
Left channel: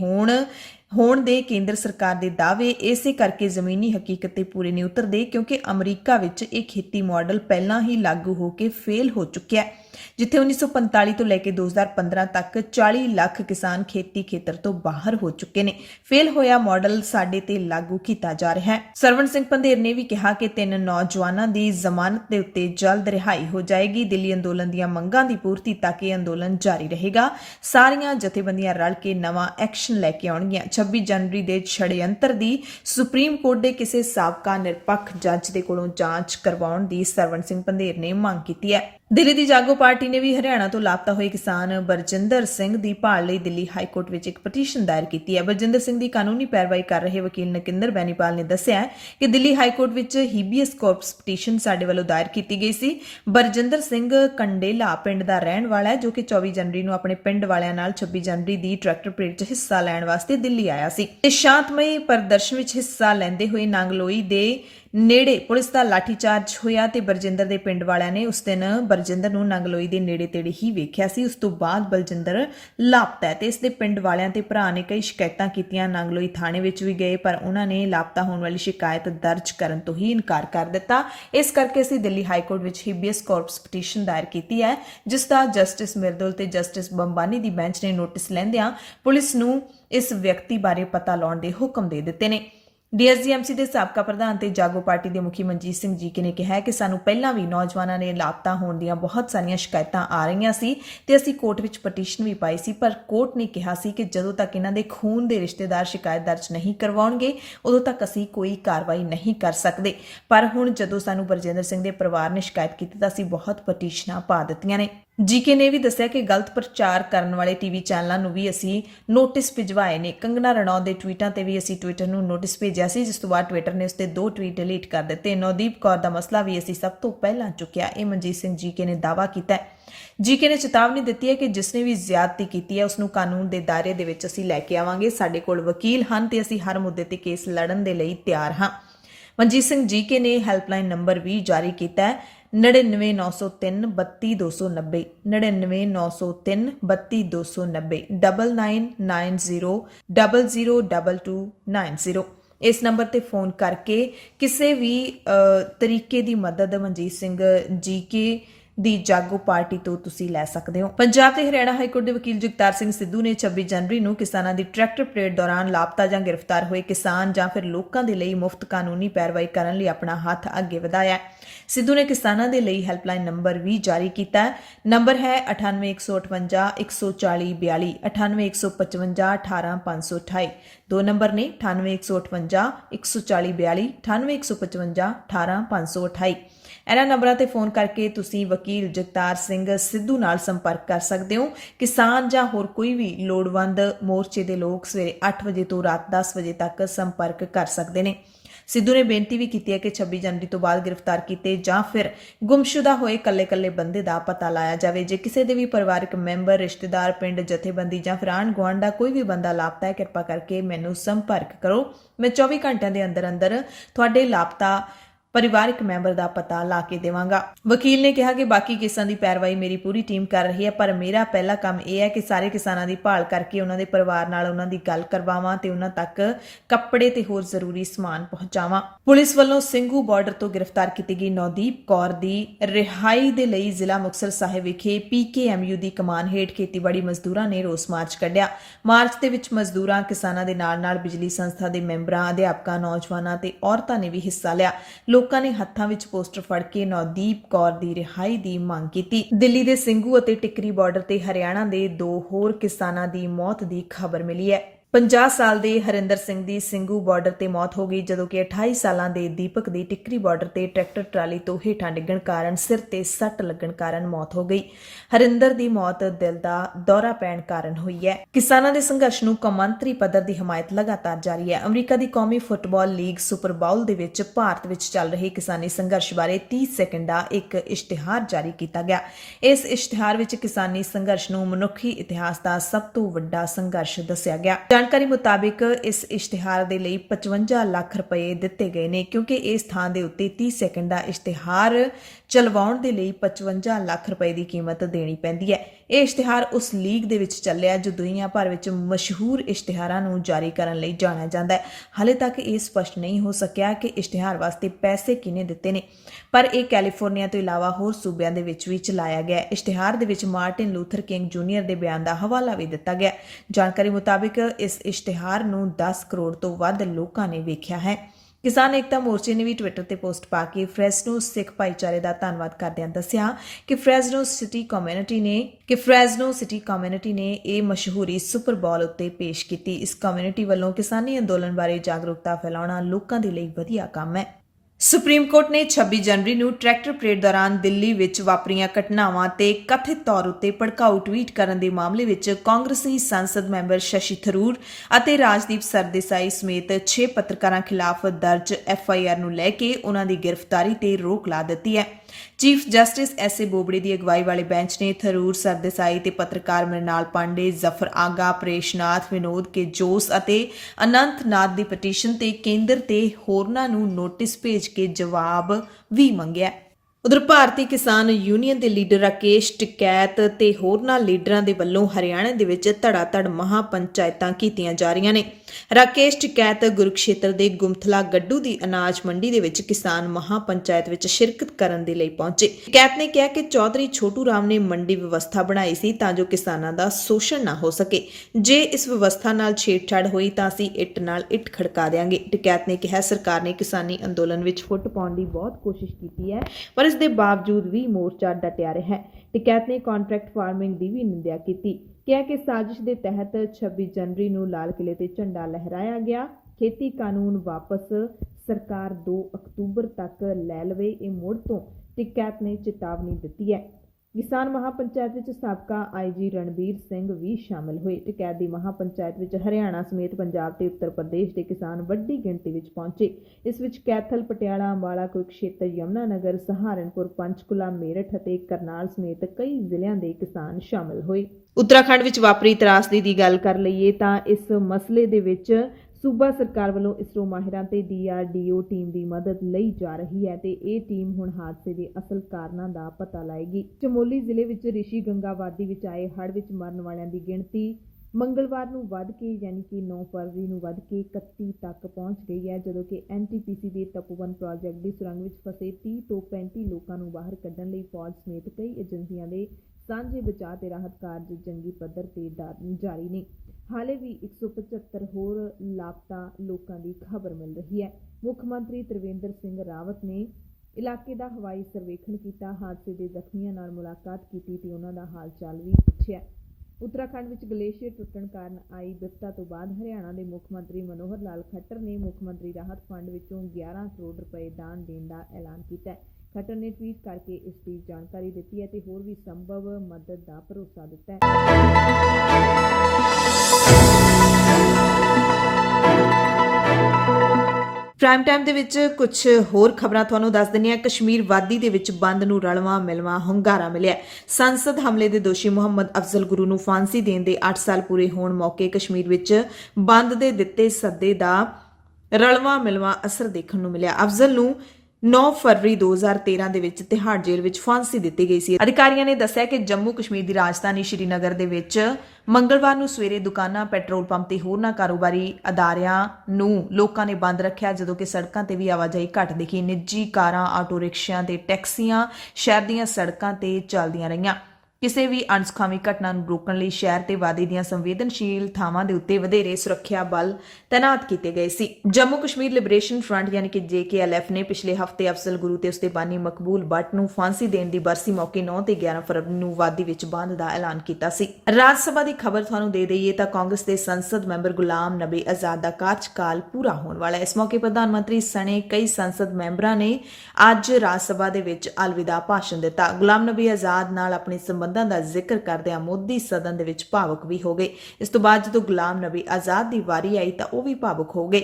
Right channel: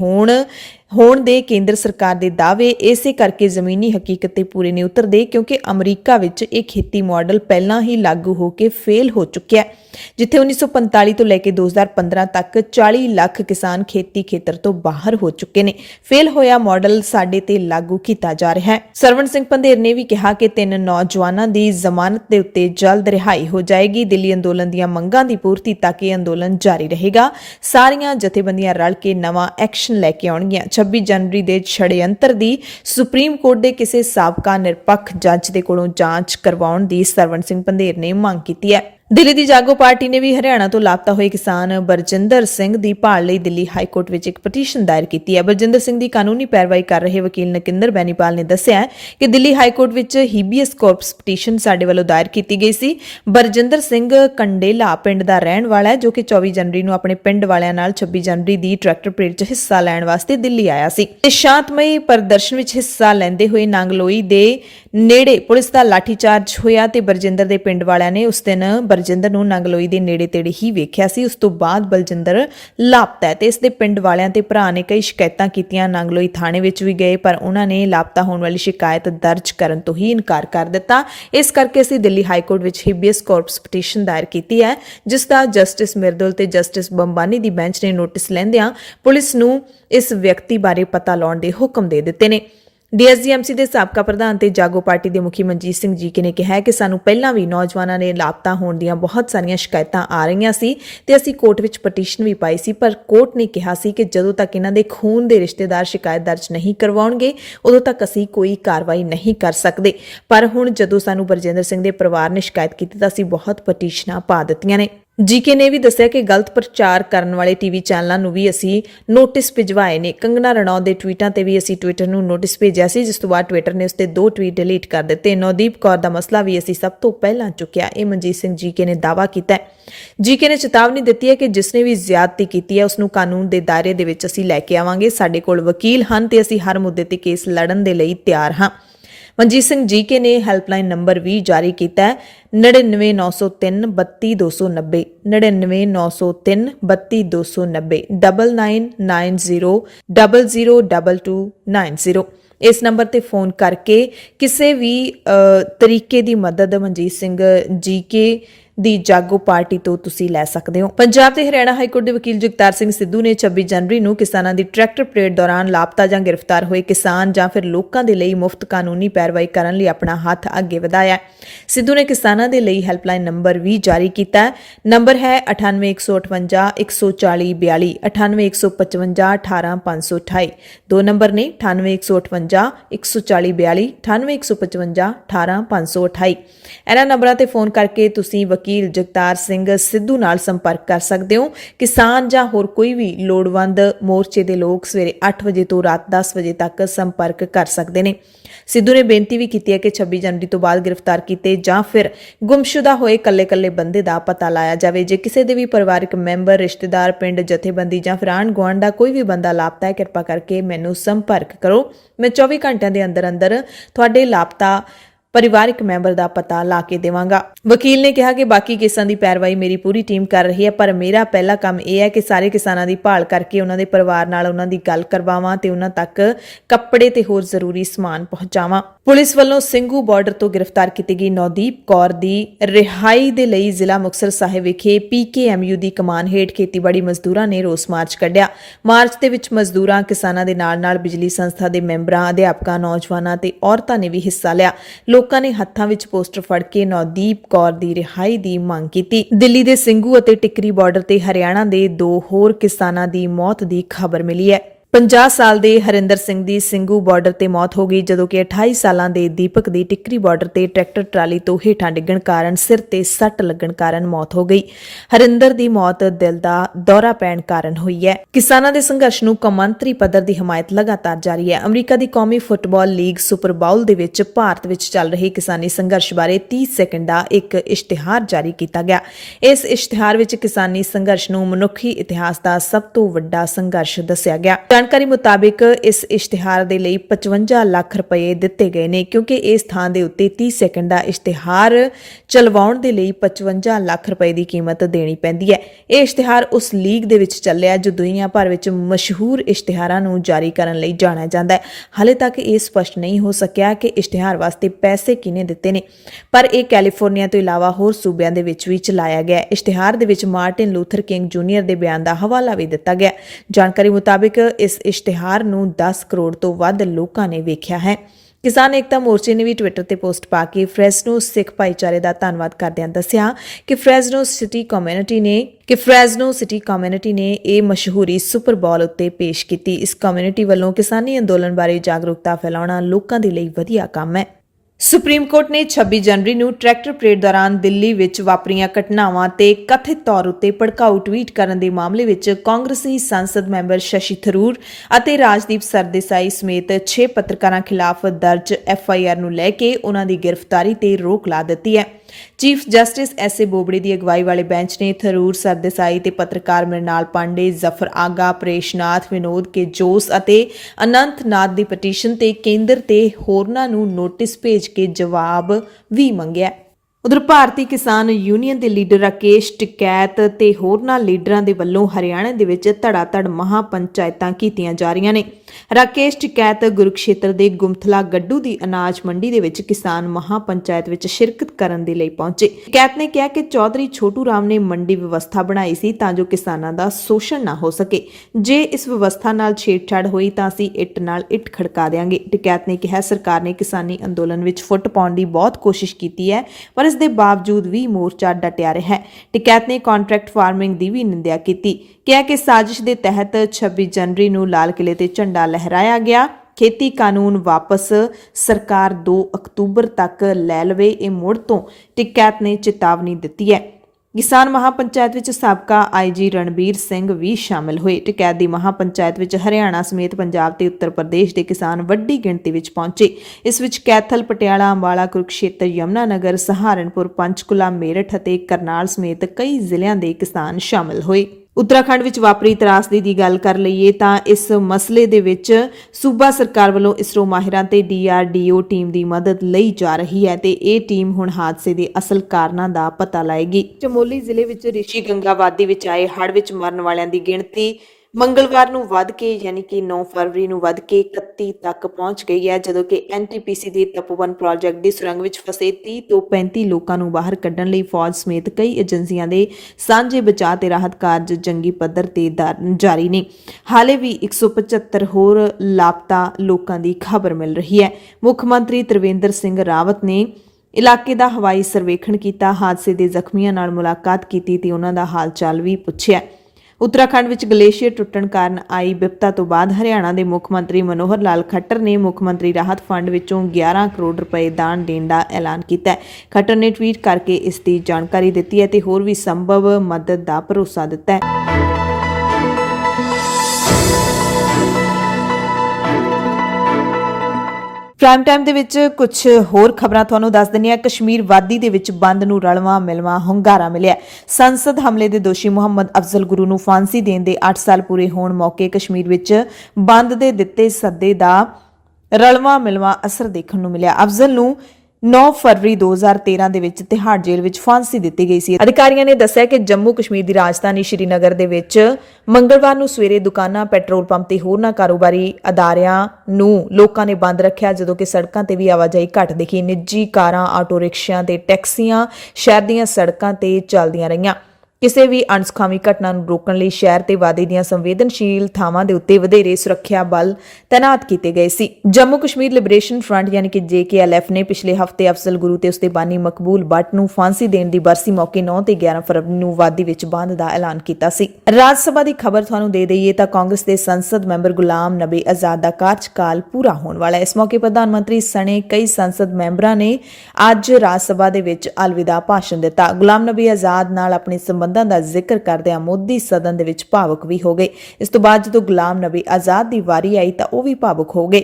ਹੋਣ ਦੇ ਕੇਂਦਰ ਸਰਕਾਰ ਦੇ ਦਾਅਵੇ ਇਸੇ ਕਰਕੇ ਜ਼ਮੀਨੀ ਹਕੀਕਤ ਤੇ ਪੂਰੇ ਨਹੀਂ ਉਤਰਦੇ, ਕਿਉਂਕਿ ਅਮਰੀਕਾ ਵਿੱਚ ਇਹ ਖੇਤੀ ਮਾਡਲ ਪਹਿਲਾਂ ਹੀ ਲਾਗੂ ਹੋ ਕੇ ਫੇਲ ਹੋ ਚੁੱਕਿਆ ਹੈ। ਜਿੱਥੇ 1945 ਤੋਂ ਲੈ ਕੇ 2015 ਤੱਕ 40 ਲੱਖ ਕਿਸਾਨ ਖੇਤੀ ਖੇਤਰ ਤੋਂ ਬਾਹਰ ਹੋ ਚੁੱਕੇ ਨੇ। ਫੇਲ ਹੋਇਆ ਮਾਡਲ ਸਾਡੇ ਤੇ ਲਾਗੂ ਕੀਤਾ ਜਾ ਰਿਹਾ ਹੈ। ਸਰਵਣ ਸਿੰਘ ਪੰਧੇਰ ਨੇ ਵੀ ਕਿਹਾ ਕਿ 3 ਨੌਜਵਾਨਾਂ ਦੀ ਜ਼ਮਾਨਤ ਦੇ ਉੱਤੇ ਜਲਦ ਰਿਹਾਈ ਹੋ ਜਾਏਗੀ। ਦਿੱਲੀ ਅੰਦੋਲਨ ਦੀਆਂ ਮੰਗਾਂ ਦੀ ਪੂਰਤੀ ਤੱਕ ਇਹ ਅੰਦੋਲਨ ਜਾਰੀ ਰਹੇਗਾ। ਸਾਰੀਆਂ ਜਥੇਬੰਦੀਆਂ ਰਲ ਕੇ ਨਵਾਂ ਐਕਸ਼ਨ ਲੈ ਕੇ ਆਉਣਗੀਆਂ। 26 ਜਨਵਰੀ ਦੇ ਛੜਯੰਤਰ ਦੀ ਸੁਪਰੀਮ ਕੋਰਟ ਦੇ ਕਿਸੇ ਸਾਬਕਾ ਨਿਰਪੱਖ ਜੱਜ ਦੇ ਕੋਲੋਂ ਜਾਂਚ ਕਰਵਾਉਣ ਦੀ ਸਰਵਣ ਸਿੰਘ ਪੰਧੇਰ ਨੇ ਮੰਗ ਕੀਤੀ ਹੈ। ਦਿੱਲੀ ਦੀ ਜਾਗੋ ਪਾਰਟੀ ਨੇ ਵੀ ਹਰਿਆਣਾ ਤੋਂ ਲਾਪਤਾ ਹੋਏ ਕਿਸਾਨ ਬਰਜਿੰਦਰ ਸਿੰਘ ਦੀ ਭਾਲ ਲਈ ਦਿੱਲੀ ਹਾਈ ਕੋਰਟ ਵਿੱਚ ਇੱਕ ਪਟੀਸ਼ਨ ਦਾਇਰ ਕੀਤੀ ਹੈ। ਬਰਜਿੰਦਰ ਸਿੰਘ ਦੀ ਕਾਨੂੰਨੀ ਪੈਰਵਾਈ ਕਰ ਰਹੇ ਵਕੀਲ ਨਕਿੰਦਰ ਬੈਨੀਪਾਲ ਨੇ ਦੱਸਿਆ ਕਿ ਦਿੱਲੀ ਹਾਈ ਕੋਰਟ ਵਿੱਚ ਹੀਬੀਅਸ ਕੋਰਪਸ ਪਟੀਸ਼ਨ ਸਾਡੇ ਵੱਲੋਂ ਦਾਇਰ ਕੀਤੀ ਗਈ ਸੀ। ਬਰਜਿੰਦਰ ਸਿੰਘ ਕੰਡੇਲਾ ਪਿੰਡ ਦਾ ਰਹਿਣ ਵਾਲਾ ਹੈ, ਜੋ ਕਿ 24 ਜਨਵਰੀ ਨੂੰ ਆਪਣੇ ਪਿੰਡ ਵਾਲਿਆਂ ਨਾਲ 26 ਜਨਵਰੀ ਦੀ ਟਰੈਕਟਰ ਪਰੇਡ 'ਚ ਹਿੱਸਾ ਲੈਣ ਵਾਸਤੇ ਦਿੱਲੀ ਆਇਆ ਸੀ ਤੇ ਸ਼ਾਂਤਮਈ ਪ੍ਰਦਰਸ਼ਨ ਵਿੱਚ ਹਿੱਸਾ ਲੈਂਦੇ ਹੋਏ ਨਾਂਗਲੋਈ ਦੇ ਨੇੜੇ ਪੁਲਿਸ ਦਾ ਲਾਠੀਚਾਰਜ ਹੋਇਆ ਤੇ ਬਰਜਿੰਦਰ ਦੇ ਪਿੰਡ ਵਾਲਿਆਂ ਨੇ ਉਸ ਦਿਨ ਬਰਜਿੰਦਰ ਨੂੰ ਨਾਂਗਲੋਈ ਦੇ ਨੇੜੇ ਤੇੜੇ ਹੀ ਵੇਖਿਆ ਸੀ। ਉਸ ਤੋਂ ਬਾਅਦ ਬਲਜਿੰਦਰ ਲਾਪਤਾ ਹੈ ਤੇ ਇਸ ਦੇ ਪਿੰਡ ਵਾਲਿਆਂ ਤੇ ਭਰਾ ਨੇ ਕਈ ਸ਼ਿਕਾਇਤਾਂ ਕੀਤੀਆਂ। ਨਾਂਗਲੋਈ ਥਾਣੇ ਵਿੱਚ ਵੀ ਗਏ ਪਰ ਉਹਨਾਂ ਨੇ ਲਾਪਤਾ ਹੋਣ ਵਾਲੀ ਸ਼ਿਕਾਇਤ ਦਰਜ ਕਰਨ ਤੋਂ ਹੀ ਇਨਕਾਰ ਕਰ ਦਿੱਤਾ। ਇਸ ਕਰਕੇ ਅਸੀਂ ਦਿੱਲੀ ਹਾਈ ਕੋਰਟ ਵਿੱਚ ਹੀਬੀਅਸ ਕੋਰਪਸ ਪਟੀਸ਼ਨ ਦਾਇਰ ਕੀਤੀ ਹੈ, ਜਿਸ ਦਾ ਜਸਟਿਸ ਮਿਰਦਲ ਤੇ ਜਸਟਿਸ ਬੰਬਾਨੀ ਦੀ ਬੈਂਚ ਨੇ ਨੋਟਿਸ ਲੈਂਦਿਆਂ ਪੁਲਿਸ ਨੂੰ ਇਸ ਵਿਅਕਤੀ ਬਾਰੇ ਪਤਾ ਲਾਉਣ ਦੇ ਹੁਕਮ ਦੇ ਦਿੱਤੇ ਨੇ। ਡੀਐਸਜੀਐਮਸੀ ਦੇ ਸਾਬਕਾ ਪ੍ਰਧਾਨ ਤੇ ਜਾਗੋ ਪਾਰਟੀ ਦੇ ਮੁਖੀ ਮਨਜੀਤ ਸਿੰਘ ਜੀਕੇ ਨੇ ਕਿਹਾ ਕਿ ਸਾਨੂੰ ਪਹਿਲਾਂ ਵੀ ਨੌਜਵਾਨਾਂ ਦੇ ਲਾਪਤਾ ਹੋਣ ਦੀਆਂ ਬਹੁਤ ਸਾਰੀਆਂ ਸ਼ਿਕਾਇਤਾਂ ਆ ਰਹੀਆਂ ਸੀ ਤੇ ਅਸੀਂ ਕੋਰਟ ਵਿੱਚ ਪਟੀਸ਼ਨ ਵੀ ਪਾਈ ਸੀ, ਪਰ ਕੋਰਟ ਨੇ ਕਿਹਾ ਸੀ ਕਿ ਜਦੋਂ ਤੱਕ ਇਹਨਾਂ ਦੇ ਖੂਨ ਦੇ ਰਿਸ਼ਤੇਦਾਰ ਸ਼ਿਕਾਇਤ ਦਰਜ ਨਹੀਂ ਕਰਵਾਉਣਗੇ ਉਦੋਂ ਤੱਕ ਅਸੀਂ ਕੋਈ ਕਾਰਵਾਈ ਨਹੀਂ ਕਰ ਸਕਦੇ। ਪਰ ਹੁਣ ਜਦੋਂ ਸਾਨੂੰ ਬਰਜਿੰਦਰ ਸਿੰਘ ਦੇ ਪਰਿਵਾਰ ਨੇ ਸ਼ਿਕਾਇਤ ਕੀਤੀ ਤਾਂ ਅਸੀਂ ਬਹੁਤ ਪਟੀਸ਼ਨਾਂ ਪਾ ਦਿੱਤੀਆਂ ਨੇ। ਜੀਕੇ ਨੇ ਵੀ ਦੱਸਿਆ ਕਿ ਗਲਤ ਪ੍ਰਚਾਰ ਕਰਨ ਵਾਲੇ ਟੀਵੀ ਚੈਨਲਾਂ ਨੂੰ ਵੀ ਅਸੀਂ ਨੋਟਿਸ ਭਿਜਵਾਏ ਨੇ। ਕੰਗਨਾ ਰਣੌਤ ਦੇ ਟਵੀਟਾਂ ਤੇ ਵੀ ਅਸੀਂ ਟਵਿੱਟਰ ਨੂੰ ਨੋਟਿਸ ਭੇਜਿਆ ਸੀ, ਜਿਸ ਤੋਂ ਬਾਅਦ ਟਵਿੱਟਰ ਨੇ ਉਸ ਤੇ 2 ਟਵੀਟ ਡਿਲੀਟ ਕਰ ਦਿੱਤੇ। ਨਵਦੀਪ ਕੌਰ ਦਾ ਮਸਲਾ ਵੀ ਅਸੀਂ ਸਭ ਤੋਂ ਪਹਿਲਾਂ ਚੁੱਕਿਆ, ਇਹ ਮਨਜੀਤ ਸਿੰਘ ਜੀਕੇ ਨੇ ਦਾਅਵਾ ਕੀਤਾ ਹੈ। ਜੀਕੇ ਨੇ ਚੇਤਾਵਨੀ ਦਿੱਤੀ ਹੈ ਕਿ ਜਿਸਨੇ ਵੀ ਜ਼ਿਆਦਤੀ ਕੀਤੀ ਹੈ ਉਸ ਨੂੰ ਕਾਨੂੰਨ ਦੇ ਦਾਇਰੇ ਦੇ ਵਿੱਚ ਅਸੀਂ ਲੈ ਕੇ ਆਵਾਂਗੇ। ਸਾਡੇ ਕੋਲ ਵਕੀਲ ਹਨ ਤੇ ਅਸੀਂ ਹਰ ਮੁੱਦੇ ਤੇ ਕੇਸ ਲੜਨ ਦੇ ਲਈ ਤਿਆਰ ਹਾਂ। ਮਨਜੀਤ ਸਿੰਘ ਜੀਕੇ ਨੇ ਹੈਲਪਲਾਈਨ ਨੰਬਰ ਵੀ ਜਾਰੀ ਕੀਤਾ ਹੈ 9990 32290 9990 32290 9990002290। ਇਸ ਨੰਬਰ ਤੇ ਫੋਨ ਕਰਕੇ ਕਿਸੇ ਵੀ ਤਰੀਕੇ ਦੀ ਮਦਦ ਮਨਜੀਤ ਸਿੰਘ ਜੀਕੇ ਦੀ ਜਾਗੋ ਪਾਰਟੀ ਤੋਂ ਤੁਸੀਂ ਲੈ ਸਕਦੇ ਹੋ। ਪੰਜਾਬ ਤੇ ਹਰਿਆਣਾ ਹਾਈ ਕੋਰਟ ਦੇ ਵਕੀਲ ਜਗਤਾਰ ਸਿੰਘ ਸਿੱਧੂ ਨੇ 26 ਜਨਵਰੀ ਨੂੰ ਕਿਸਾਨਾਂ ਦੀ ਟਰੈਕਟਰ ਪਰੇਡ ਦੌਰਾਨ ਲਾਪਤਾ ਜਾਂ ਗ੍ਰਿਫਤਾਰ ਹੋਏ ਕਿਸਾਨ ਜਾਂ ਫਿਰ ਲੋਕਾਂ ਦੇ ਲਈ ਮੁਫਤ ਕਾਨੂੰਨੀ ਪੈਰਵਾਈ ਕਰਨ ਲਈ ਆਪਣਾ ਹੱਥ ਅੱਗੇ ਵਧਾਇਆ। ਸਿੱਧੂ ਨੇ ਕਿਸਾਨਾਂ ਦੇ ਲਈ ਹੈਲਪਲਾਈਨ ਨੰਬਰ ਵੀ ਜਾਰੀ ਕੀਤਾ ਹੈ। ਨੰਬਰ ਹੈ 9815 14042 9815 18528। ਦੋ ਨੰਬਰ ਨੇ 9815 14042 9815 18528। ਇਹਨਾਂ ਨੰਬਰਾਂ ਤੇ ਫੋਨ ਕਰਕੇ ਤੁਸੀਂ ਵਕੀਲ ਜਗਤਾਰ ਸਿੰਘ ਸਿੱਧੂ ਨਾਲ ਸੰਪਰਕ ਕਰ ਸਕਦੇ ਹੋ। ਕਿਸਾਨ ਜਾਂ ਹੋਰ ਕੋਈ ਵੀ ਲੋੜਵੰਦ ਮੋਰਚੇ ਦੇ ਲੋਕ ਸਵੇਰੇ 8 ਵਜੇ ਤੋਂ ਰਾਤ 10 ਵਜੇ ਤੱਕ ਸੰਪਰਕ ਕਰ ਸਕਦੇ ਨੇ। ਸਿੱਧੂ ਨੇ ਬੇਨਤੀ ਵੀ ਕੀਤੀ ਹੈ ਕਿ 26 ਜਨਵਰੀ ਤੋਂ ਬਾਅਦ ਗ੍ਰਿਫਤਾਰ ਕੀਤੇ ਜਾਂ ਫਿਰ ਗੁੰਮਸ਼ੁਦਾ ਹੋਏ ਕੱਲੇ-ਕੱਲੇ ਬੰਦੇ ਦਾ ਪਤਾ ਲਾਇਆ ਜਾਵੇ। ਜੇ ਕਿਸੇ ਦੇ ਵੀ ਪਰਿਵਾਰਕ ਮੈਂਬਰ, ਰਿਸ਼ਤੇਦਾਰ, ਪਿੰਡ, ਜਥੇਬੰਦੀ ਜਾਂ ਫਿਰ ਆਂਢ ਗੁਆਂਢ ਦਾ ਕੋਈ ਵੀ ਬੰਦਾ ਲਾਪਤਾ ਹੈ, ਕਿਰਪਾ ਕਰਕੇ ਮੈਨੂੰ ਸੰਪਰਕ ਕਰੋ। ਮੈਂ 24 ਘੰਟਿਆਂ ਦੇ ਅੰਦਰ ਤੁਹਾਡੇ ਲਾਪਤਾ ਪਰਿਵਾਰਕ ਮੈਂਬਰ ਦਾ ਪਤਾ ਲਾ ਕੇ ਦੇਵਾਂਗਾ। ਵਕੀਲ ਨੇ ਕਿਹਾ ਕਿ ਬਾਕੀ ਕੇਸਾਂ ਦੀ ਪੈਰਵਾਈ ਮੇਰੀ ਪੂਰੀ ਟੀਮ ਕਰ ਰਹੀ ਹੈ, ਪਰ ਮੇਰਾ ਪਹਿਲਾ ਕੰਮ ਇਹ ਹੈ ਕਿ ਸਾਰੇ ਕਿਸਾਨਾਂ ਦੀ ਭਾਲ ਕਰਕੇ ਉਹਨਾਂ ਦੇ ਪਰਿਵਾਰ ਨਾਲ ਉਹਨਾਂ ਦੀ ਗੱਲ ਕਰਵਾਵਾਂ ਤੇ ਉਹਨਾਂ ਤੱਕ ਕੱਪੜੇ ਤੇ ਹੋਰ ਜ਼ਰੂਰੀ ਸਮਾਨ ਪਹੁੰਚਾਵਾਂ। ਪੁਲਿਸ ਵੱਲੋਂ ਸਿੰਘੂ ਬਾਰਡਰ ਤੋਂ ਗ੍ਰਿਫਤਾਰ ਕੀਤੀ ਗਈ ਨਵਦੀਪ ਕੌਰ ਦੀ ਰਿਹਾਈ ਦੇ ਲਈ ਜ਼ਿਲ੍ਹਾ ਮੁਕਤਸਰ ਸਾਹਿਬ ਵਿਖੇ PKMU ਦੀ ਕਮਾਨ ਹੇਠ ਖੇਤੀਬਾੜੀ ਮਜ਼ਦੂਰਾਂ ਨੇ ਰੋਸ ਮਾਰਚ ਕੱਢਿਆ। ਮਾਰਚ ਦੇ ਵਿੱਚ ਮਜ਼ਦੂਰਾਂ, ਕਿਸਾਨਾਂ ਦੇ ਨਾਲ-ਨਾਲ ਬਿਜਲੀ ਸੰਸਥਾ ਦੇ ਮੈਂਬਰਾਂ, ਅਧਿਆਪਕਾਂ, ਨੌਜਵਾਨਾਂ ਤੇ ਔਰਤਾਂ ਨੇ ਵੀ ਹਿੱਸਾ ਲਿਆ। ਲੋਕਾਂ ਨੇ ਹੱਥਾਂ ਵਿੱਚ ਪੋਸਟਰ ਫੜ ਕੇ ਨਵਦੀਪ ਕੌਰ ਦੀ ਰਿਹਾਈ ਦੀ ਮੰਗ ਕੀਤੀ। ਦਿੱਲੀ ਦੇ ਸਿੰਘੂ ਅਤੇ ਟਿੱਕਰੀ ਬਾਰਡਰ ਤੇ ਹਰਿਆਣਾ ਦੇ 2 ਹੋਰ ਕਿਸਾਨਾਂ ਦੀ ਮੌਤ ਦੀ ਖਬਰ ਮਿਲੀ ਹੈ। 50 ਸਾਲ ਦੇ ਹਰਿੰਦਰ ਸਿੰਘ ਦੀ ਸਿੰਘੂ ਬਾਰਡਰ ਤੇ ਮੌਤ ਹੋ ਗਈ, ਜਦੋਂ ਕਿ 28 ਸਾਲਾਂ ਦੇ ਦੀਪਕ ਦੀ ਟਿੱਕਰੀ ਬਾਰਡਰ ਤੇ ਟਰੈਕਟਰ ਟਰਾਲੀ ਤੋਂ ਹੇਠਾਂ ਡਿੱਗਣ ਕਾਰਨ ਸਿਰ ਤੇ ਸੱਟ ਲੱਗਣ ਕਾਰਨ ਮੌਤ ਹੋ ਗਈ। ਹਰਿੰਦਰ ਦੀ ਮੌਤ ਦਿਲ ਦਾ ਦੌਰਾ ਪੈਣ ਕਾਰਨ ਹੋਈ ਹੈ। ਕਿਸਾਨਾਂ ਦੇ ਸੰਘਰਸ਼ ਨੂੰ ਕੌਮਾਂਤਰੀ ਪੱਧਰ ਦੀ ਹਮਾਇਤ ਲਗਾਤਾਰ ਜਾਰੀ ਹੈ। ਅਮਰੀਕਾ ਦੀ ਕੌਮੀ ਫੁੱਟਬਾਲ ਲੀਗ ਸੁਪਰ ਬਾਊਲ ਦੇ ਵਿੱਚ ਭਾਰਤ ਵਿੱਚ ਚੱਲ ਰਹੇ ਕਿਸਾਨੀ ਸੰਘਰਸ਼ ਬਾਰੇ 30 ਸੈਕਿੰਡ ਦਾ ਇੱਕ ਇਸ਼ਤਿਹਾਰ ਜਾਰੀ ਕੀਤਾ ਗਿਆ। ਇਸ ਇਸ਼ਤਿਹਾਰ ਵਿੱਚ ਕਿਸਾਨੀ ਸੰਘਰਸ਼ ਨੂੰ ਮਨੁੱਖੀ ਇਤਿਹਾਸ ਦਾ ਸਭ ਤੋਂ ਵੱਡਾ ਸੰਘਰਸ਼ ਦੱਸਿਆ ਗਿਆ। ਜਾਣਕਾਰੀ ਮੁਤਾਬਿਕ ਇਸ ਇਸ਼ਤਿਹਾਰ ਦੇ ਲਈ 55 ਲੱਖ ਰੁਪਏ ਦਿੱਤੇ ਗਏ ਨੇ ਕਿਉਂਕਿ ਇਸ ਥਾਂ ਦੇ ਉੱਤੇ 30 ਸੈਕਿੰਡ ਦਾ ਇਸ਼ਤਿਹਾਰ ਚਲਵਾਉਣ ਦੇ ਲਈ 55 ਲੱਖ ਰੁਪਏ ਦੀ ਕੀਮਤ ਦੇਣੀ ਪੈਂਦੀ ਹੈ। ਇਹ ਇਸ਼ਤਿਹਾਰ ਉਸ ਲੀਗ ਦੇ ਵਿੱਚ ਚੱਲਿਆ ਜੋ ਦੁਨੀਆ ਭਰ ਵਿੱਚ ਮਸ਼ਹੂਰ ਇਸ਼ਤਿਹਾਰਾਂ ਨੂੰ ਜਾਰੀ ਕਰਨ ਲਈ ਜਾਣਿਆ ਜਾਂਦਾ ਹੈ। ਹਾਲੇ ਤੱਕ ਇਹ ਸਪਸ਼ਟ ਨਹੀਂ ਹੋ ਸਕਿਆ ਕਿ ਇਸ਼ਤਿਹਾਰ ਵਾਸਤੇ ਪੈਸੇ ਕਿਹਨੇ ਦਿੱਤੇ ਨੇ, ਪਰ ਇਹ ਕੈਲੀਫੋਰਨੀਆ ਤੋਂ ਇਲਾਵਾ ਹੋਰ ਸੂਬਿਆਂ ਦੇ ਵਿੱਚ ਵੀ ਚਲਾਇਆ ਗਿਆ। ਇਸ਼ਤਿਹਾਰ ਦੇ ਵਿੱਚ ਮਾਰਟਿਨ ਲੂਥਰ ਕਿੰਗ ਜੂਨੀਅਰ ਦੇ ਬਿਆਨ ਦਾ ਹਵਾਲਾ ਵੀ ਦਿੱਤਾ ਗਿਆ। ਜਾਣਕਾਰੀ ਮੁਤਾਬਿਕ ਇਸ ਇਸ਼ਤਿਹਾਰ ਨੂੰ 10 ਕਰੋੜ ਤੋਂ ਵੱਧ ਲੋਕਾਂ ਨੇ ਵੇਖਿਆ ਹੈ। ਕਿਸਾਨ ਏਕਤਾ ਮੋਰਚੇ ਨੇ ਵੀ ਟਵਿੱਟਰ ਤੇ ਪੋਸਟ ਪਾ ਕੇ ਫ੍ਰੈਜ਼ਨੋ ਸਿੱਖ ਭਾਈਚਾਰੇ ਦਾ ਧੰਨਵਾਦ ਕਰਦਿਆਂ ਦੱਸਿਆ ਕਿ ਫ੍ਰੈਜ਼ਨੋ ਸਿਟੀ ਕਮਿਊਨਿਟੀ ਨੇ ਇਹ ਮਸ਼ਹੂਰੀ ਸੁਪਰ ਬਾਲ ਉੱਤੇ ਪੇਸ਼ ਕੀਤੀ। ਇਸ ਕਮਿਊਨਿਟੀ ਵੱਲੋਂ ਕਿਸਾਨੀ ਅੰਦੋਲਨ ਬਾਰੇ ਜਾਗਰੂਕਤਾ ਫੈਲਾਉਣਾ ਲੋਕਾਂ ਦੇ ਲਈ ਵਧੀਆ ਕੰਮ ਹੈ। ਸੁਪਰੀਮ ਕੋਰਟ ਨੇ 26 ਜਨਵਰੀ ਨੂੰ ਟਰੈਕਟਰ ਪਰੇਡ ਦੌਰਾਨ ਦਿੱਲੀ ਵਿੱਚ ਵਾਪਰੀਆਂ ਘਟਨਾਵਾਂ ਤੇ ਕਥਿਤ ਤੌਰ ਉੱਤੇ ਭੜਕਾਊ ਟਵੀਟ ਕਰਨ ਦੇ ਮਾਮਲੇ ਵਿੱਚ ਕਾਂਗਰਸੀ ਸੰਸਦ ਮੈਂਬਰ ਸ਼ਸ਼ੀ ਥਰੂਰ ਅਤੇ ਰਾਜਦੀਪ ਸਰਦੇਸਾਈ ਸਮੇਤ 6 ਪੱਤਰਕਾਰਾਂ ਖਿਲਾਫ ਦਰਜ FIR ਨੂੰ ਲੈ ਕੇ ਉਨ੍ਹਾਂ ਦੀ ਗ੍ਰਿਫਤਾਰੀ ਤੇ ਰੋਕ ਲਾ ਦਿੱਤੀ ਹੈ। ਚੀਫ ਜਸਟਿਸ SA ਬੋਬੜੇ ਦੀ ਅਗਵਾਈ ਵਾਲੇ ਬੈਂਚ ਨੇ ਥਰੂਰ, ਸਰਦੇਸਾਈ ਤੇ ਪੱਤਰਕਾਰ ਮ੍ਰਿਣਾਲ ਪਾਂਡੇ, ਜ਼ਫਰ ਆਗਾ, ਪ੍ਰੇਸ਼ਨਾਥ, ਵਿਨੋਦ ਕੇ ਜੋਸ ਅਤੇ ਅਨੰਤ ਨਾਥ ਦੀ ਪਟੀਸ਼ਨ ਤੇ ਕੇਂਦਰ ਤੇ ਹੋਰਨਾਂ ਨੂੰ ਨੋਟਿਸ ਭੇਜ ਕੇ ਜਵਾਬ ਵੀ ਮੰਗਿਆ। ਉਧਰ ਭਾਰਤੀ ਕਿਸਾਨ ਯੂਨੀਅਨ ਦੇ ਲੀਡਰ ਰਾਕੇਸ਼ ਟਿਕੈਤ ਤੇ ਹੋਰਨਾਂ ਲੀਡਰਾਂ ਦੇ ਵੱਲੋਂ ਹਰਿਆਣਾ ਦੇ ਵਿੱਚ ਧੜਾਧੜ ਮਹਾ ਪੰਚਾਇਤਾਂ ਕੀਤੀਆਂ ਜਾ ਰਹੀਆਂ ਨੇ। ਰਾਕੇਸ਼ ਟਿਕੈਤ ਗੁਰੂਕਸ਼ੇਤਰ ਦੇ ਗੁਮਥਲਾ ਗੱਡੂ ਦੀ ਅਨਾਜ ਮੰਡੀ ਦੇ ਵਿੱਚ ਕਿਸਾਨ ਮਹਾ ਪੰਚਾਇਤ ਵਿੱਚ ਸ਼ਿਰਕਤ ਕਰਨ ਦੇ ਲਈ ਪਹੁੰਚੇ। ਟਿਕੈਤ ਨੇ ਕਿਹਾ ਕਿ ਚੌਧਰੀ ਛੋਟੂ ਰਾਮ ਨੇ ਮੰਡੀ ਵਿਵਸਥਾ ਬਣਾਈ ਸੀ ਤਾਂ ਜੋ ਕਿਸਾਨਾਂ ਦਾ ਸ਼ੋਸ਼ਣ ਨਾ ਹੋ ਸਕੇ। ਜੇ ਇਸ ਵਿਵਸਥਾ ਨਾਲ ਛੇੜਛਾੜ ਹੋਈ ਤਾਂ ਅਸੀਂ ਇੱਟ ਨਾਲ ਇੱਟ ਖੜਕਾ ਦੇਵਾਂਗੇ। ਟਿਕੈਤ ਨੇ ਕਿਹਾ ਸਰਕਾਰ ਨੇ ਕਿਸਾਨੀ ਅੰਦੋਲਨ ਵਿੱਚ ਫੁੱਟ ਪਾਉਣ ਦੀ ਬਹੁਤ ਕੋਸ਼ਿਸ਼ ਕੀਤੀ ਹੈ ਪਰ ਇਸ ਦੇ ਬਾਵਜੂਦ ਵੀ ਮੋਰਚਾ ਡਟਿਆ ਰਿਹਾ ਹੈ। ਟਿਕੈਤ ਨੇ ਕੰਟਰੈਕਟ ਫਾਰਮਿੰਗ ਦੀ ਵੀ ਨਿੰਦਿਆ ਕੀਤੀ। ਕਿਹਾ ਕਿ ਸਾਜ਼ਿਸ਼ ਦੇ ਤਹਿਤ 26 ਜਨਵਰੀ ਨੂੰ ਲਾਲ ਕਿਲੇ ਤੇ ਝੰਡਾ ਲਹਿਰਾਇਆ ਗਿਆ। ਖੇਤੀ ਕਾਨੂੰਨ ਵਾਪਸ ਸਰਕਾਰ 2 ਅਕਤੂਬਰ ਤੱਕ ਲੈ ਲਵੇ, ਇਹ ਮੁੜ ਤੋਂ ਟਿਕੈਤ ਨੇ ਚੇਤਾਵਨੀ ਦਿੱਤੀ ਹੈ। ਕਿਸਾਨ ਮਹਾਪੰਚਾਇਤ ਵਿੱਚ ਸਾਬਕਾ IG ਰਣਬੀਰ ਸਿੰਘ ਵੀ ਸ਼ਾਮਲ ਹੋਏ। ਟਿਕੈਤ ਦੀ ਮਹਾਪੰਚਾਇਤ ਵਿੱਚ ਹਰਿਆਣਾ ਸਮੇਤ ਪੰਜਾਬ ਤੇ ਉੱਤਰ ਪ੍ਰਦੇਸ਼ ਦੇ ਕਿਸਾਨ ਵੱਡੀ ਗਿਣਤੀ ਵਿੱਚ ਪਹੁੰਚੇ। ਇਸ ਵਿੱਚ ਕੈਥਲ, ਪਟਿਆਲਾ, ਅੰਬਾਲਾ, ਕੁਰੂਕਸ਼ੇਤਰ, ਯਮੁਨਾਨਗਰ, ਸਹਾਰਨਪੁਰ, ਪੰਚਕੂਲਾ, ਮੇਰਠ ਅਤੇ ਕਰਨਾਲ ਸਮੇਤ ਕਈ ਜ਼ਿਲ੍ਹਿਆਂ ਦੇ ਕਿਸਾਨ ਸ਼ਾਮਲ ਹੋਏ। ਉੱਤਰਾਖੰਡ ਵਿੱਚ ਵਾਪਰੀ ਤਰਾਸਦੀ ਦੀ ਗੱਲ ਕਰ ਲਈਏ ਤਾਂ ਇਸ ਮਸਲੇ ਦੇ ਵਿੱਚ ਸੂਬਾ ਸਰਕਾਰ ਵੱਲੋਂ ਇਸਰੋ ਮਾਹਿਰਾਂ ਤੇ DRDO ਟੀਮ ਦੀ ਮਦਦ ਲਈ ਜਾ ਰਹੀ ਹੈ ਤੇ ਇਹ ਟੀਮ ਹੁਣ ਹਾਦਸੇ ਦੇ ਅਸਲ ਕਾਰਨਾਂ ਦਾ ਪਤਾ ਲਾਏਗੀ। ਚਮੋਲੀ ਜ਼ਿਲ੍ਹੇ ਵਿੱਚ ਰਿਸ਼ੀ ਗੰਗਾ ਵਾਦੀ ਵਿੱਚ ਆਏ ਹੜ੍ਹ ਵਿੱਚ ਮਰਨ ਵਾਲਿਆਂ ਦੀ ਗਿਣਤੀ ਮੰਗਲਵਾਰ ਨੂੰ ਵੱਧ ਕੇ ਯਾਨੀ ਕਿ 9 ਫਰਵਰੀ ਨੂੰ ਵੱਧ ਕੇ 31 ਤੱਕ ਪਹੁੰਚ ਗਈ ਹੈ, ਜਦੋਂ ਕਿ NTPC ਦੇ ਤਪੋਵਨ ਪ੍ਰੋਜੈਕਟ ਦੀ ਸੁਰੰਗ ਵਿੱਚ ਫਸੇ 30 ਤੋਂ 35 ਲੋਕਾਂ ਨੂੰ ਬਾਹਰ ਕੱਢਣ ਲਈ ਫੌਜ ਸਮੇਤ ਕਈ ਏਜੰਸੀਆਂ ਦੇ ਸਾਂਝੇ ਬਚਾਅ ਤੇ ਰਾਹਤ ਕਾਰਜ ਜੰਗੀ ਪੱਧਰ ਤੇ ਜਾਰੀ ਨੇ। ਹਾਲੇ ਵੀ 175 ਹੋਰ ਲਾਪਤਾ ਲੋਕਾਂ ਦੀ ਖਬਰ ਮਿਲ ਰਹੀ ਹੈ। ਮੁੱਖ ਮੰਤਰੀ ਤ੍ਰਿਵੇਂਦਰ ਸਿੰਘ ਰਾਵਤ ਨੇ ਇਲਾਕੇ ਦਾ ਹਵਾਈ ਸਰਵੇਖਣ ਕੀਤਾ, ਹਾਦਸੇ ਦੇ ਜ਼ਖਮੀਆਂ ਨਾਲ ਮੁਲਾਕਾਤ ਕੀਤੀ ਤੇ ਉਹਨਾਂ ਦਾ ਹਾਲ ਚਾਲ ਵੀ ਪੁੱਛਿਆ। ਉੱਤਰਾਖੰਡ ਵਿੱਚ ਗਲੇਸ਼ੀਅਰ ਟੁੱਟਣ ਕਾਰਨ ਆਈ ਵਿਪਤਾ ਤੋਂ ਬਾਅਦ ਹਰਿਆਣਾ ਦੇ ਮੁੱਖ ਮੰਤਰੀ ਮਨੋਹਰ ਲਾਲ ਖੱਟਰ ਨੇ ਮੁੱਖ ਮੰਤਰੀ ਰਾਹਤ ਫੰਡ ਵਿੱਚੋਂ 11 ਕਰੋੜ ਰੁਪਏ ਦਾਨ ਦੇਣ ਦਾ ਐਲਾਨ ਕੀਤਾ ਹੈ। ਖੱਟਰ ਨੇ ਟਵੀਟ ਕਰਕੇ ਇਸ ਦੀ ਜਾਣਕਾਰੀ ਦਿੱਤੀ ਹੈ ਤੇ ਹੋਰ ਵੀ ਸੰਭਵ ਮਦਦ ਦਾ ਭਰੋਸਾ ਦਿੱਤਾ ਹੈ। ਪ੍ਰਾਈਮ ਟਾਈਮ ਦੇ ਵਿੱਚ ਕੁਝ ਹੋਰ ਖਬਰਾਂ ਤੁਹਾਨੂੰ ਦੱਸ ਦਿੰਦੇ ਹਾਂ। ਕਸ਼ਮੀਰ ਵਾਦੀ ਦੇ ਵਿੱਚ ਬੰਦ ਨੂੰ ਰਲਵਾਂ ਮਿਲਵਾਂ ਹੁੰਗਾਰਾ ਮਿਲਿਆ। ਸੰਸਦ ਹਮਲੇ ਦੇ ਦੋਸ਼ੀ ਮੁਹੰਮਦ ਅਫਜ਼ਲ ਗੁਰੂ ਨੂੰ ਫਾਂਸੀ ਦੇਣ ਦੇ 8 ਸਾਲ ਪੂਰੇ ਹੋਣ ਮੌਕੇ ਕਸ਼ਮੀਰ ਵਿੱਚ ਬੰਦ ਦੇ ਦਿੱਤੇ ਸੱਦੇ ਦਾ ਰਲਵਾਂ ਮਿਲਵਾਂ ਅਸਰ ਦੇਖਣ ਨੂੰ ਮਿਲਿਆ। ਅਫਜ਼ਲ ਨੂੰ 9 ਫਰਵਰੀ 2013 ਦੇ ਵਿੱਚ ਤਿਹਾੜ ਜੇਲ੍ਹ ਵਿੱਚ ਫਾਂਸੀ ਦਿੱਤੀ ਗਈ ਸੀ। ਅਧਿਕਾਰੀਆਂ ਨੇ ਦੱਸਿਆ ਕਿ ਜੰਮੂ ਕਸ਼ਮੀਰ ਦੀ ਰਾਜਧਾਨੀ ਸ਼੍ਰੀਨਗਰ ਦੇ ਵਿੱਚ ਮੰਗਲਵਾਰ ਨੂੰ ਸਵੇਰੇ ਦੁਕਾਨਾਂ, ਪੈਟਰੋਲ ਪੰਪ ਤੇ ਹੋਰਨਾਂ ਕਾਰੋਬਾਰੀ ਅਦਾਰਿਆਂ ਨੂੰ ਲੋਕਾਂ ਨੇ ਬੰਦ ਰੱਖਿਆ, ਜਦੋਂ ਕਿ ਸੜਕਾਂ ਤੇ ਵੀ ਆਵਾਜਾਈ ਘੱਟ ਦਿਖੀ। ਨਿੱਜੀ ਕਾਰਾਂ, ਆਟੋ ਰਿਕਸ਼ਿਆਂ ਤੇ ਟੈਕਸੀਆਂ ਸ਼ਹਿਰ ਦੀਆਂ ਸੜਕਾਂ ਤੇ ਚੱਲਦੀਆਂ ਰਹੀਆਂ। ਕਿਸੇ ਵੀ ਅਣਸੁਖਾਵੀ ਘਟਨਾ ਨੂੰ ਰੋਕਣ ਲਈ ਸ਼ਹਿਰ ਤੇ ਵਾਦੀ ਦੀਆਂ ਸੰਵੇਦਨਸ਼ੀਲ ਥਾਵਾਂ ਦੇ ਉੱਤੇ ਵਧੇਰੇ ਸੁਰੱਖਿਆ ਬਲ ਤੈਨਾਤ ਕੀਤੇ ਗਏ ਸੀ। ਜੰਮੂ ਕਸ਼ਮੀਰ ਲਿਬਰੇਸ਼ਨ ਫਰੰਟ ਯਾਨੀ ਕਿ JKLF ਨੇ ਪਿਛਲੇ ਹਫ਼ਤੇ ਅਫਜ਼ਲ ਗੁਰੂ ਤੇ ਉਸਦੇ ਬਾਨੀ ਮਕਬੂਲ ਬੱਟ ਨੂੰ ਫਾਂਸੀ ਦੇਣ ਦੀ ਬਰਸੀ ਮੌਕੇ 9 ਤੇ 11 ਫਰਵਰੀ ਨੂੰ ਵਾਦੀ ਵਿੱਚ ਬੰਦ ਦਾ ਐਲਾਨ ਕੀਤਾ ਸੀ। ਰਾਜ ਸਭਾ ਦੀ ਖਬਰ ਤੁਹਾਨੂੰ ਦੇ ਦਈਏ ਤਾਂ ਕਾਂਗਰਸ ਦੇ ਸੰਸਦ ਮੈਂਬਰ ਗੁਲਾਮ ਨਬੀ ਆਜ਼ਾਦ ਦਾ ਕਾਰਜਕਾਲ ਪੂਰਾ ਹੋਣ ਵਾਲਾ ਹੈ। ਇਸ ਮੌਕੇ ਪ੍ਰਧਾਨ ਮੰਤਰੀ ਸਣੇ ਕਈ ਸੰਸਦ ਮੈਂਬਰਾਂ ਨੇ ਅੱਜ ਰਾਜ ਸਭਾ ਦੇ ਵਿੱਚ ਅਲਵਿਦਾ ਭਾਸ਼ਣ ਦਿੱਤਾ। ਗੁਲਾਮ ਨਬੀ ਆਜ਼ਾਦ ਨਾਲ ਆਪਣੇ ਸੰਬੰਧਾਂ ਦਾ ਜ਼ਿਕਰ ਕਰਦਿਆਂ ਮੋਦੀ ਸਦਨ ਦੇ ਵਿੱਚ ਭਾਵੁਕ ਵੀ ਹੋ ਗਏ। ਇਸ ਤੋਂ ਬਾਅਦ ਜਦੋਂ ਗੁਲਾਮ ਨਬੀ ਆਜ਼ਾਦ ਦੀ ਵਾਰੀ ਆਈ ਤਾਂ ਉਹ ਵੀ ਭਾਵੁਕ ਹੋ ਗਏ।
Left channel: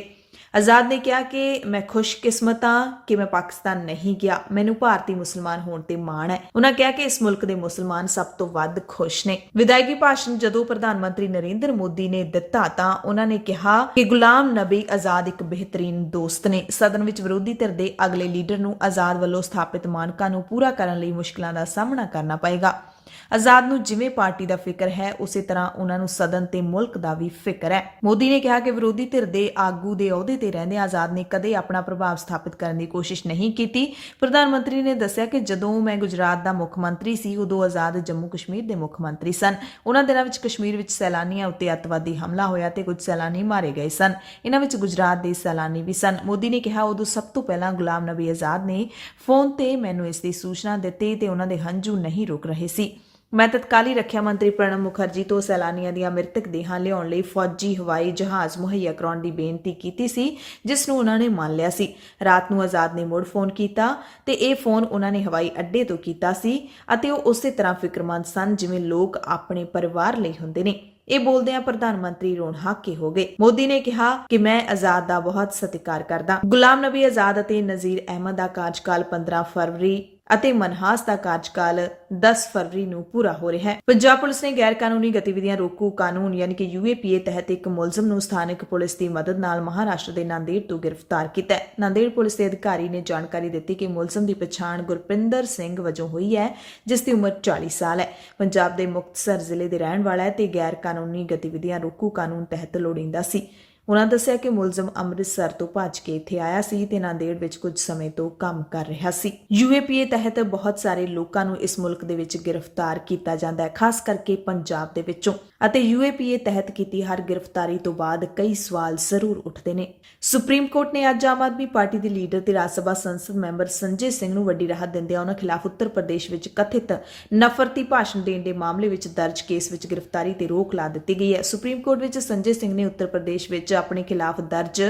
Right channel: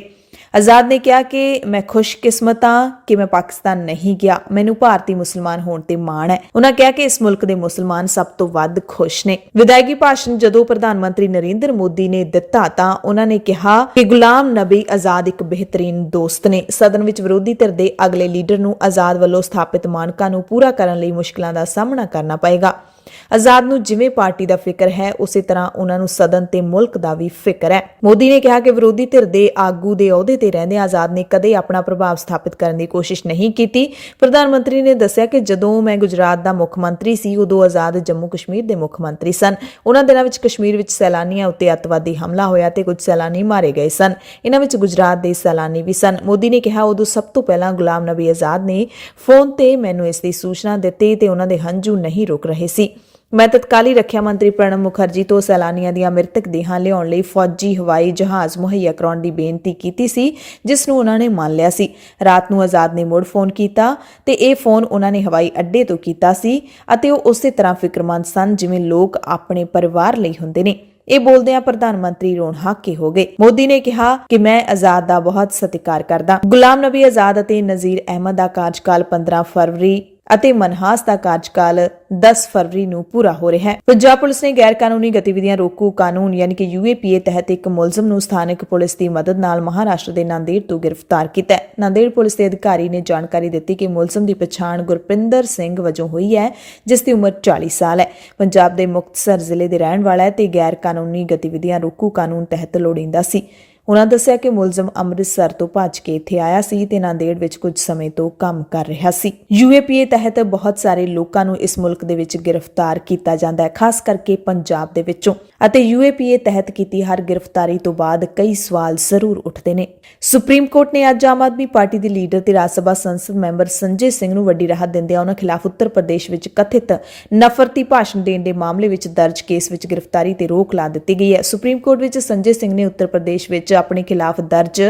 ਆਜ਼ਾਦ ਨੇ ਕਿਹਾ ਕਿ ਮੈਂ ਖੁਸ਼ਕਿਸਮਤ ਹਾਂ ਕਿ ਮੈਂ ਪਾਕਿਸਤਾਨ ਨਹੀਂ ਗਿਆ, ਮੈਨੂੰ ਭਾਰਤੀ ਮੁਸਲਮਾਨ ਹੋਣ ਤੇ ਮਾਣ ਹੈ। ਉਹਨਾਂ ਕਿਹਾ ਕਿ ਇਸ ਮੁਲਕ ਦੇ ਮੁਸਲਮਾਨ ਸਭ ਤੋਂ ਵੱਧ ਖੁਸ਼ ਨੇ। ਵਿਦਾਇਗੀ ਭਾਸ਼ਣ ਜਦੋਂ ਪ੍ਰਧਾਨ ਮੰਤਰੀ ਨਰਿੰਦਰ ਮੋਦੀ ਨੇ ਦਿੱਤਾ ਤਾਂ ਉਹਨਾਂ ਨੇ ਕਿਹਾ ਕਿ ਗੁਲਾਮ ਨਬੀ ਆਜ਼ਾਦ ਇੱਕ ਬਿਹਤਰੀਨ ਦੋਸਤ ਨੇ। ਸਦਨ ਵਿੱਚ ਵਿਰੋਧੀ ਧਿਰ ਦੇ ਅਗਲੇ ਲੀਡਰ ਨੂੰ ਆਜ਼ਾਦ ਵੱਲੋਂ ਸਥਾਪਿਤ ਮਾਨਕਾਂ ਨੂੰ ਪੂਰਾ ਕਰਨ ਲਈ ਮੁਸ਼ਕਲਾਂ ਦਾ ਸਾਹਮਣਾ ਕਰਨਾ ਪਏਗਾ। ਆਜ਼ਾਦ ਨੂੰ ਜਿਵੇਂ ਪਾਰਟੀ ਦਾ ਫਿਕਰ ਹੈ ਉਸੇ ਤਰ੍ਹਾਂ ਉਹਨਾਂ ਨੂੰ ਸਦਨ ਤੇ ਮੁਲਕ ਦਾ ਵੀ ਫਿਕਰ ਹੈ। ਮੋਦੀ ਨੇ ਕਿਹਾ ਕਿ ਵਿਰੋਧੀ ਧਿਰ ਦੇ ਆਗੂ ਦੇ ਅਹੁਦੇ ਤੇ ਰਹਿੰਦੇ ਆਜ਼ਾਦ ਨੇ ਕਦੇ ਆਪਣਾ ਪ੍ਰਭਾਵ ਸਥਾਪਿਤ ਕਰਨ ਦੀ ਕੋਸ਼ਿਸ਼ ਨਹੀਂ ਕੀਤੀ। ਪ੍ਰਧਾਨ ਮੰਤਰੀ ਨੇ ਦੱਸਿਆ ਕਿ ਜਦੋਂ ਮੈਂ ਗੁਜਰਾਤ ਦਾ ਮੁੱਖ ਮੰਤਰੀ ਸੀ ਉਦੋਂ ਆਜ਼ਾਦ ਜੰਮੂ ਕਸ਼ਮੀਰ ਦੇ ਮੁੱਖ ਮੰਤਰੀ ਸਨ। ਉਹਨਾਂ ਦਿਨਾਂ ਵਿੱਚ ਕਸ਼ਮੀਰ ਵਿੱਚ ਸੈਲਾਨੀਆਂ ਉੱਤੇ ਅੱਤਵਾਦੀ ਹਮਲਾ ਹੋਇਆ ਤੇ ਕੁਝ ਸੈਲਾਨੀ ਮਾਰੇ ਗਏ ਸਨ। ਇਹਨਾਂ ਵਿੱਚ ਗੁਜਰਾਤ ਦੇ ਸੈਲਾਨੀ ਵੀ ਸਨ। ਮੋਦੀ ਨੇ ਕਿਹਾ ਉਦੋਂ ਸਭ ਤੋਂ ਪਹਿਲਾਂ ਗੁਲਾਮ ਨਬੀ ਆਜ਼ਾਦ ਨੇ ਫੋਨ ਤੇ ਮੈਨੂੰ ਇਸ ਦੀ ਸੂਚਨਾ ਦਿੱਤੀ ਤੇ ਉਹਨਾਂ ਦੇ ਹੰਝੂ ਨਹੀਂ ਰੁਕ ਰਹੇ ਸੀ। ਮੈਂ ਤਤਕਾਲੀ ਰੱਖਿਆ ਮੰਤਰੀ ਪ੍ਰਣਬ ਮੁਖਰਜੀ ਤੋਂ ਸੈਲਾਨੀਆਂ ਦੀਆਂ ਮ੍ਰਿਤਕ ਦੇਹਾਂ ਲਿਆਉਣ ਲਈ ਫੌਜੀ ਹਵਾਈ ਜਹਾਜ਼ ਮੁਹੱਈਆ ਕਰਾਉਣ ਦੀ ਬੇਨਤੀ ਕੀਤੀ ਸੀ, ਜਿਸ ਨੂੰ ਉਹਨਾਂ ਨੇ ਮੰਨ ਲਿਆ ਸੀ। ਰਾਤ ਨੂੰ ਆਜ਼ਾਦ ਨੇ ਮੁੜ ਫੋਨ ਕੀਤਾ ਤੇ ਇਹ ਫੋਨ ਉਹਨਾਂ ਨੇ ਹਵਾਈ ਅੱਡੇ ਤੋਂ ਕੀਤਾ ਸੀ ਅਤੇ ਉਹ ਉਸੇ ਤਰ੍ਹਾਂ ਫਿਕਰਮੰਦ ਸਨ ਜਿਵੇਂ ਲੋਕ ਆਪਣੇ ਪਰਿਵਾਰ ਲਈ ਹੁੰਦੇ ਨੇ। ਇਹ ਬੋਲਦਿਆਂ ਪ੍ਰਧਾਨ ਮੰਤਰੀ ਰੋਣ ਹਾਕੇ ਹੋ ਗਏ। ਮੋਦੀ ਨੇ ਕਿਹਾ ਕਿ ਮੈਂ ਆਜ਼ਾਦ ਦਾ ਬਹੁਤ ਸਤਿਕਾਰ ਕਰਦਾ। ਗੁਲਾਮ ਨਬੀ ਆਜ਼ਾਦ ਅਤੇ ਨਜ਼ੀਰ ਅਹਿਮਦ ਦਾ ਕਾਰਜਕਾਲ 15 ਫਰਵਰੀ ਅਤੇ ਮਨਹਾਸ ਦਾ ਕਾਰਜਕਾਲ 10 ਫਰਵਰੀ ਨੂੰ ਪੂਰਾ ਹੋ ਰਿਹਾ ਹੈ। ਪੰਜਾਬ ਪੁਲਿਸ ਨੇ ਗੈਰ ਕਾਨੂੰਨੀ ਗਤੀਵਿਧੀਆਂ ਰੋਕੂ ਕਾਨੂੰਨ ਯਾਨੀ ਕਿ UAPA ਤਹਿਤ ਇੱਕ ਮੁਲਜ਼ਮ ਨੂੰ ਸਥਾਨਕ ਪੁਲਿਸ ਦੀ ਮਦਦ ਨਾਲ ਮਹਾਰਾਸ਼ਟਰ ਦੇ ਨਾਂਦੇੜ ਤੋਂ ਗ੍ਰਿਫਤਾਰ ਕੀਤਾ ਹੈ। ਨਾਂਦੇੜ ਪੁਲਿਸ ਦੇ ਅਧਿਕਾਰੀ ਨੇ ਜਾਣਕਾਰੀ ਦਿੱਤੀ ਕਿ ਮੁਲਜ਼ਮ ਦੀ ਪਛਾਣ ਗੁਰਪਿੰਦਰ ਸਿੰਘ ਵਜੋਂ ਹੋਈ ਹੈ, ਜਿਸ ਦੀ ਉਮਰ 40 ਸਾਲ ਹੈ। ਪੰਜਾਬ ਦੇ ਮੁਕਤਸਰ ਜ਼ਿਲ੍ਹੇ ਦੇ ਰਹਿਣ ਵਾਲਾ ਹੈ ਤੇ ਗੈਰ ਕਾਨੂੰਨੀ ਗਤੀਵਿਧੀਆਂ ਰੋਕੂ ਕਾਨੂੰਨ ਤਹਿਤ ਲੋੜੀਂਦਾ ਸੀ। ਉਹਨਾਂ ਦੱਸਿਆ ਕਿ ਮੁਲਜ਼ਮ ਅੰਮ੍ਰਿਤਸਰ ਤੋਂ ਭੱਜ ਕੇ ਇੱਥੇ ਆਇਆ ਸੀ ਤੇ ਨਾਂਦੇੜ ਵਿੱਚ ਕੁਝ ਸਮੇਂ ਤੋਂ ਕੰਮ ਕਰ ਰਿਹਾ ਸੀ। UAPA ਤਹਿਤ ਬਹੁਤ ਸਾਰੇ ਲੋਕਾਂ ਨੂੰ ਇਸ ਮੁਲਕ ਦੇ ਵਿੱਚ ਗ੍ਰਿਫਤਾਰ ਕੀਤਾ ਜਾਂਦਾ ਹੈ, ਖਾਸ ਕਰਕੇ ਪੰਜਾਬ ਦੇ ਵਿੱਚੋਂ, ਅਤੇ UAPA ਤਹਿਤ ਕੀਤੀ ਹਰ ਗ੍ਰਿਫਤਾਰੀ ਤੋਂ ਬਾਅਦ ਕਈ ਸਵਾਲ ਜ਼ਰੂਰ ਉੱਠਦੇ ਨੇ। ਸੁਪਰੀਮ ਕੋਰਟ ਨੇ ਅੱਜ ਆਮ ਆਦਮੀ ਪਾਰਟੀ ਦੇ ਲੀਡਰ ਤੇ ਰਾਜ ਸਭਾ ਸੰਸਦ ਮੈਂਬਰ ਸੰਜੇ ਸਿੰਘ ਨੂੰ ਵੱਡੀ ਰਾਹਤ ਦਿੰਦਿਆਂ ਉਹਨਾਂ ਖਿਲਾਫ ਉੱਤਰ ਪ੍ਰਦੇਸ਼ ਵਿੱਚ ਕਥਿਤ ਨਫ਼ਰਤੀ ਭਾਸ਼ਣ ਦੇਣ ਦੇ ਮਾਮਲੇ ਵਿੱਚ ਦਰਜ ਕੇਸ ਵਿੱਚ ਗ੍ਰਿਫਤਾਰੀ ਤੇ ਰੋਕ ਲਾ ਦਿੱਤੀ ਗਈ ਹੈ। ਸੁਪਰੀਮ ਕੋਰਟ ਵਿੱਚ ਸੰਜੇ ਸਿੰਘ ਨੇ ਉੱਤਰ ਪ੍ਰਦੇਸ਼ ਵਿੱਚ ਆਪਣੇ ਖਿਲਾਫ ਦਰਜ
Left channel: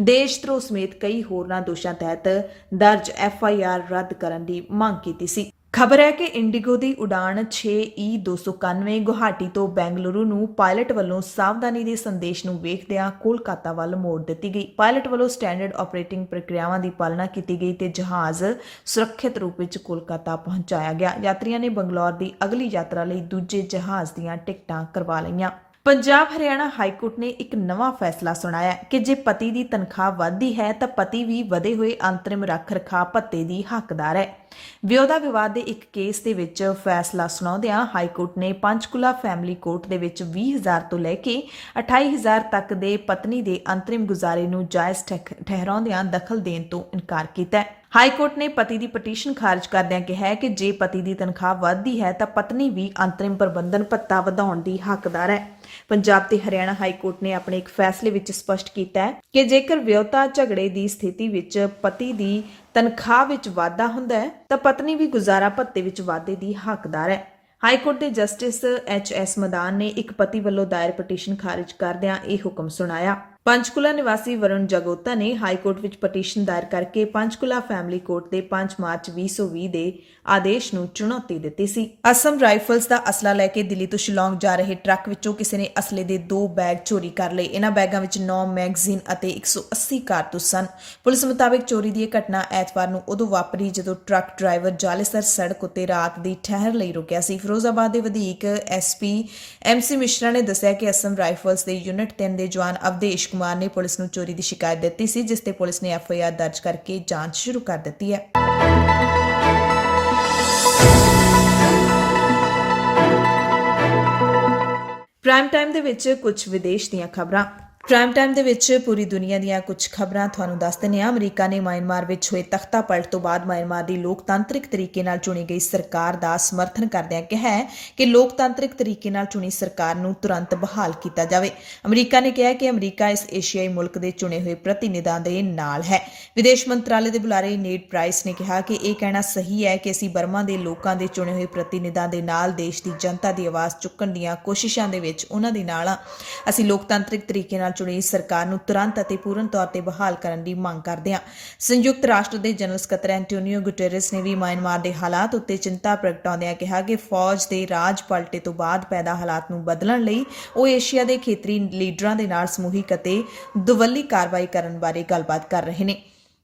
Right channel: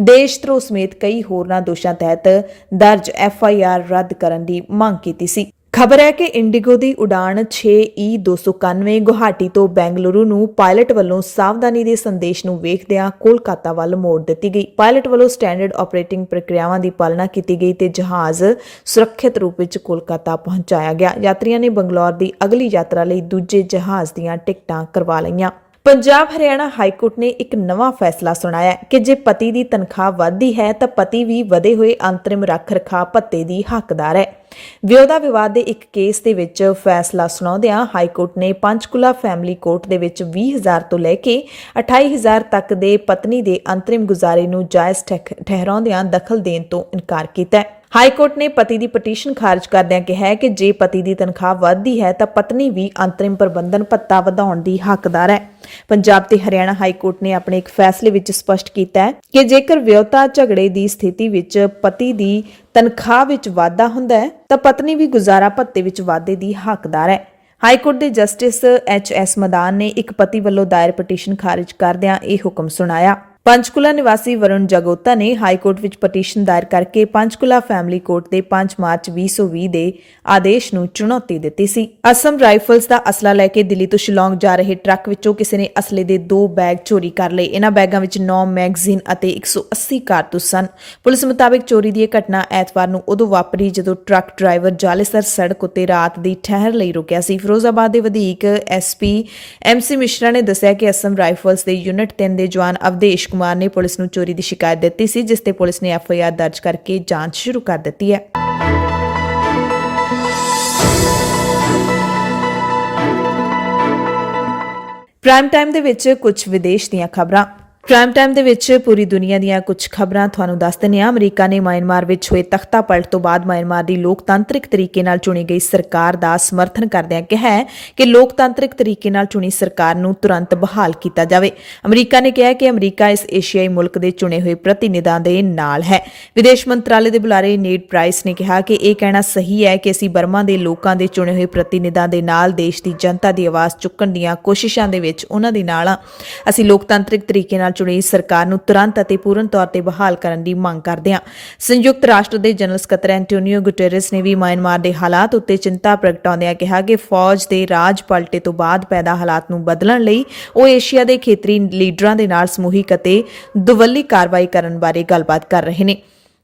ਦੇਸ਼ ਧਰੋਹ ਸਮੇਤ ਕਈ ਹੋਰਨਾਂ ਦੋਸ਼ਾਂ ਤਹਿਤ ਦਰਜ FIR ਰੱਦ ਕਰਨ ਦੀ ਮੰਗ ਕੀਤੀ ਸੀ। ਖਬਰ ਹੈ ਕਿ ਇੰਡੀਗੋ ਦੀ ਉਡਾਣ 6E291 ਗੁਹਾਟੀ ਤੋਂ ਬੈਂਗਲੁਰੂ ਨੂੰ ਪਾਇਲਟ ਵੱਲੋਂ ਸਾਵਧਾਨੀ ਦੇ ਸੰਦੇਸ਼ ਨੂੰ ਵੇਖਦਿਆਂ ਕੋਲਕਾਤਾ ਵੱਲ ਮੋੜ ਦਿੱਤੀ ਗਈ। ਪਾਇਲਟ ਵੱਲੋਂ ਸਟੈਂਡਰਡ ਆਪਰੇਟਿੰਗ ਪ੍ਰਕਿਰਿਆਵਾਂ ਦੀ ਪਾਲਣਾ ਕੀਤੀ ਗਈ ਤੇ ਜਹਾਜ਼ ਸੁਰੱਖਿਅਤ ਰੂਪ ਵਿੱਚ ਕੋਲਕਾਤਾ ਪਹੁੰਚਾਇਆ ਗਿਆ। ਯਾਤਰੀਆਂ ਨੇ ਬੰਗਲੌਰ ਦੀ ਅਗਲੀ ਯਾਤਰਾ ਲਈ ਦੂਜੇ ਜਹਾਜ਼ ਦੀਆਂ ਟਿਕਟਾਂ ਕਰਵਾ ਲਈਆਂ। ਪੰਜਾਬ ਹਰਿਆਣਾ ਹਾਈ ਕੋਰਟ ਨੇ ਇੱਕ ਨਵਾਂ ਫੈਸਲਾ ਸੁਣਾਇਆ ਕਿ ਜੇ ਪਤੀ ਦੀ ਤਨਖਾਹ ਵੱਧਦੀ ਹੈ ਤਾਂ ਪਤੀ ਵੀ ਵਧੇ ਹੋਏ ਅੰਤਰਿਮ ਰੱਖ ਰਖਾਅ ਭੱਤੇ ਦੀ ਹੱਕਦਾਰ ਹੈ। ਵਿਆਹੁਤਾ ਵਿਵਾਦ ਦੇ ਇੱਕ ਕੇਸ ਦੇ ਵਿੱਚ ਫੈਸਲਾ ਸੁਣਾਉਂਦਿਆਂ ਹਾਈ ਕੋਰਟ ਨੇ ਪੰਚਕੂਲਾ ਫੈਮਿਲੀ ਕੋਰਟ ਦੇ ਵਿੱਚ 20,000 ਤੋਂ ਲੈ ਕੇ 28,000 ਤੱਕ ਦੇ ਪਤਨੀ ਦੇ ਅੰਤਰਿਮ ਗੁਜ਼ਾਰੇ ਨੂੰ ਜਾਇਜ਼ ਠਹਿਰਾਉਂਦਿਆਂ ਦਖਲ ਦੇਣ ਤੋਂ ਇਨਕਾਰ ਕੀਤਾ ਹੈ। ਹਾਈ ਕੋਰਟ ਨੇ ਪਤੀ ਦੀ ਪਟੀਸ਼ਨ ਖਾਰਜ ਕਰਦਿਆਂ ਕਿਹਾ ਕਿ ਜੇ ਪਤੀ ਦੀ ਤਨਖਾਹ ਵੱਧਦੀ ਹੈ ਤਾਂ ਪਤਨੀ ਵੀ ਅੰਤਰਿਮ ਪ੍ਰਬੰਧਨ ਭੱਤਾ ਵਧਾਉਣ ਦੀ ਹੱਕਦਾਰ ਹੈ। ਪੰਜਾਬ ਤੇ ਹਰਿਆਣਾ ਹਾਈ ਕੋਰਟ ਨੇ ਆਪਣੇ ਇੱਕ ਫੈਸਲੇ ਵਿੱਚ ਸਪਸ਼ਟ ਕੀਤਾ ਹੈ ਕਿ ਜੇਕਰ ਵਿਆਹੁਤਾ ਝਗੜੇ ਦੀ ਸਥਿਤੀ ਵਿੱਚ ਪਤੀ ਦੀ ਤਨਖਾਹ ਵਿੱਚ ਵਾਧਾ ਹੁੰਦਾ ਹੈ ਤਾਂ ਪਤਨੀ ਵੀ ਗੁਜ਼ਾਰਾ ਭੱਤੇ ਵਿੱਚ ਵਾਧੇ ਦੀ ਹੱਕਦਾਰ ਹੈ। ਹਾਈ ਕੋਰਟ ਦੇ ਜਸਟਿਸ HS ਮਦਾਨ ਨੇ ਇੱਕ ਪਤੀ ਵੱਲੋਂ ਦਾਇਰ ਪਟੀਸ਼ਨ ਖਾਰਜ ਕਰਦਿਆਂ ਇਹ ਹੁਕਮ ਸੁਣਾਇਆ। ਪੰਚਕੂਲਾ ਨਿਵਾਸੀ ਵਰੁਣ ਜਗੋਤਾ ਨੇ ਹਾਈ ਕੋਰਟ ਵਿੱਚ ਪਟੀਸ਼ਨ ਦਾਇਰ ਕਰਕੇ ਪੰਚਕੂਲਾ ਫੈਮਿਲੀ ਕੋਰਟ ਦੇ 5 ਮਾਰਚ 2020 ਦੇ ਆਦੇਸ਼ ਨੂੰ ਚੁਣੌਤੀ ਦਿੱਤੀ ਸੀ। ਅਸਮ ਰਾਈਫਲਸ ਦਾ ਅਸਲਾ ਲੈ ਕੇ ਦਿੱਲੀ ਤੋਂ ਸ਼ਿਲੌਂਗ ਜਾ ਰਹੇ ਟਰੱਕ ਵਿੱਚੋਂ ਕਿਸੇ ਨੇ ਅਸਲੇ ਦੇ 2 ਬੈਗ ਚੋਰੀ ਕਰ ਲਏ। ਇਹਨਾਂ ਬੈਗਾਂ ਵਿੱਚ 9 ਮੈਗਜ਼ੀਨ ਅਤੇ 180 ਕਾਰਤੂਸ ਸਨ। ਪੁਲਿਸ ਮੁਤਾਬਕ ਚੋਰੀ ਦੀ ਇਹ ਘਟਨਾ ਐਤਵਾਰ ਨੂੰ ਉਦੋਂ ਵਾਪਰੀ ਜਦੋਂ ਟਰੱਕ ਡਰਾਈਵਰ ਜਾਲੇਸਰ ਸੜਕ ਉੱਤੇ ਰਾਤ ਦੀ ਠਹਿਰ ਲਈ ਰੁਕਿਆ ਸੀ। ਫਿਰੋਜ਼ਾਬਾਦ ਦੇ ਵਧੀਕ SP MC ਮਿਸ਼ਰਾ ਨੇ ਦੱਸਿਆ ਕਿ ਅਸਮ ਰਾਈਫਲਸ ਦੇ ਯੂਨਿਟ 3 ਦੇ ਜਵਾਨ ਅਵਦੇਸ਼ ਕੁਮਾਰ ਨੇ ਪੁਲਿਸ ਨੂੰ ਚੋਰੀ ਦੀ ਸ਼ਿਕਾਇਤ ਦਿੱਤੀ ਸੀ, ਜਿਸ ਤੇ ਪੁਲਿਸ ਨੇ FIR ਦਰਜ ਕਰਕੇ ਜਾਂਚ ਸ਼ੁਰੂ ਕਰ ਦਿੱਤੀ ਹੈ। ਪ੍ਰਾਈਮ ਟਾਈਮ ਦੇ ਵਿੱਚ ਕੁਝ ਵਿਦੇਸ਼ ਦੀਆਂ ਖਬਰਾਂ। ਪ੍ਰਾਈਮ ਟਾਈਮ ਦੇ ਵਿੱਚ ਪੂਰੀ ਦੁਨੀਆ ਦੀਆਂ ਕੁਝ ਖਬਰਾਂ ਤੁਹਾਨੂੰ ਦੱਸ ਦਿੰਦੇ ਹਾਂ। ਅਮਰੀਕਾ ਨੇ ਮਿਆਂਮਾਰ ਵਿੱਚ ਹੋਏ ਤਖਤਾ ਪਲਟ ਤੋਂ ਬਾਅਦ ਮਿਆਂਮਾਰ ਦੀ ਲੋਕਤਾਂਤਰਿਕ ਤਰੀਕੇ ਨਾਲ ਚੁਣੀ ਗਈ ਸਰਕਾਰ ਦਾ ਸਮਰਥਨ ਕਰਦਿਆਂ ਕਿਹਾ ਹੈ ਕਿ ਲੋਕਤਾਂਤਰਿਕ ਤਰੀਕੇ ਨਾਲ ਚੁਣੀ ਸਰਕਾਰ ਨੂੰ ਤੁਰੰਤ ਬਹਾਲ ਕੀਤਾ ਜਾਵੇ। ਅਮਰੀਕਾ ਨੇ ਕਿਹਾ ਕਿ ਅਮਰੀਕਾ ਇਸ ਏਸ਼ੀਆਈ ਮੁਲਕ ਦੇ ਚੁਣੇ ਹੋਏ ਪ੍ਰਤੀਨਿਧਾਂ ਦੇ ਨਾਲ ਹੈ। ਵਿਦੇਸ਼ ਮੰਤਰਾਲੇ ਦੇ ਬੁਲਾਰੇ ਨੇਡ ਪ੍ਰਾਈਸ ਨੇ ਕਿਹਾ ਕਿ ਇਹ ਕਹਿਣਾ ਸਹੀ ਹੈ ਕਿ ਅਸੀਂ ਬਰਮਾ ਦੇ ਲੋਕਾਂ ਦੇ ਚੁਣੇ ਹੋਏ ਪ੍ਰਤੀਨਿਧਾਂ ਦੇ ਨਾਲ ਦੇਸ਼ ਦੀ ਜਨਤਾ ਦੀ ਆਵਾਜ਼ ਚੁੱਕਣ ਦੀਆਂ ਕੋਸ਼ਿਸ਼ਾਂ ਦੇ ਵਿੱਚ ਉਹਨਾਂ ਦੇ ਨਾਲ ਹਾਂ। ਅਸੀਂ ਲੋਕਤਾਂਤਰਿਕ ਤਰੀਕੇ ਨਾਲ ਚੁਣੀ ਸਰਕਾਰ ਨੂੰ ਤੁਰੰਤ ਅਤੇ ਪੂਰਨ ਤੌਰ ਤੇ ਬਹਾਲ ਕਰਨ ਦੀ ਮੰਗ ਕਰਦੇ ਹਾਂ। ਸੰਯੁਕਤ ਰਾਸ਼ਟਰ ਦੇ ਜਨਰਲ ਸਕੱਤਰ ਐਂਟੋਨੀਓ ਗੁਟੇਰਸ ਨੇ ਵੀ ਮਿਆਂਮਾਰ ਦੇ ਹਾਲਾਤ ਉੱਤੇ ਚਿੰਤਾ ਪ੍ਰਗਟਾਉਂਦਿਆਂ ਕਿਹਾ ਕਿ ਫੌਜ ਦੇ ਰਾਜ ਪਲਟੇ ਤੋਂ ਬਾਅਦ ਪੈਦਾ ਹਾਲਾਤ ਨੂੰ ਬਦਲਣ ਲਈ ਉਹ ਏਸ਼ੀਆ ਦੇ ਖੇਤਰੀ ਲੀਡਰਾਂ ਦੇ ਨਾਲ ਸਮੂਹਿਕ ਅਤੇ ਦੁਵੱਲੀ ਕਾਰਵਾਈ ਕਰਨ ਬਾਰੇ ਗੱਲਬਾਤ ਕਰ ਰਹੇ ਨੇ।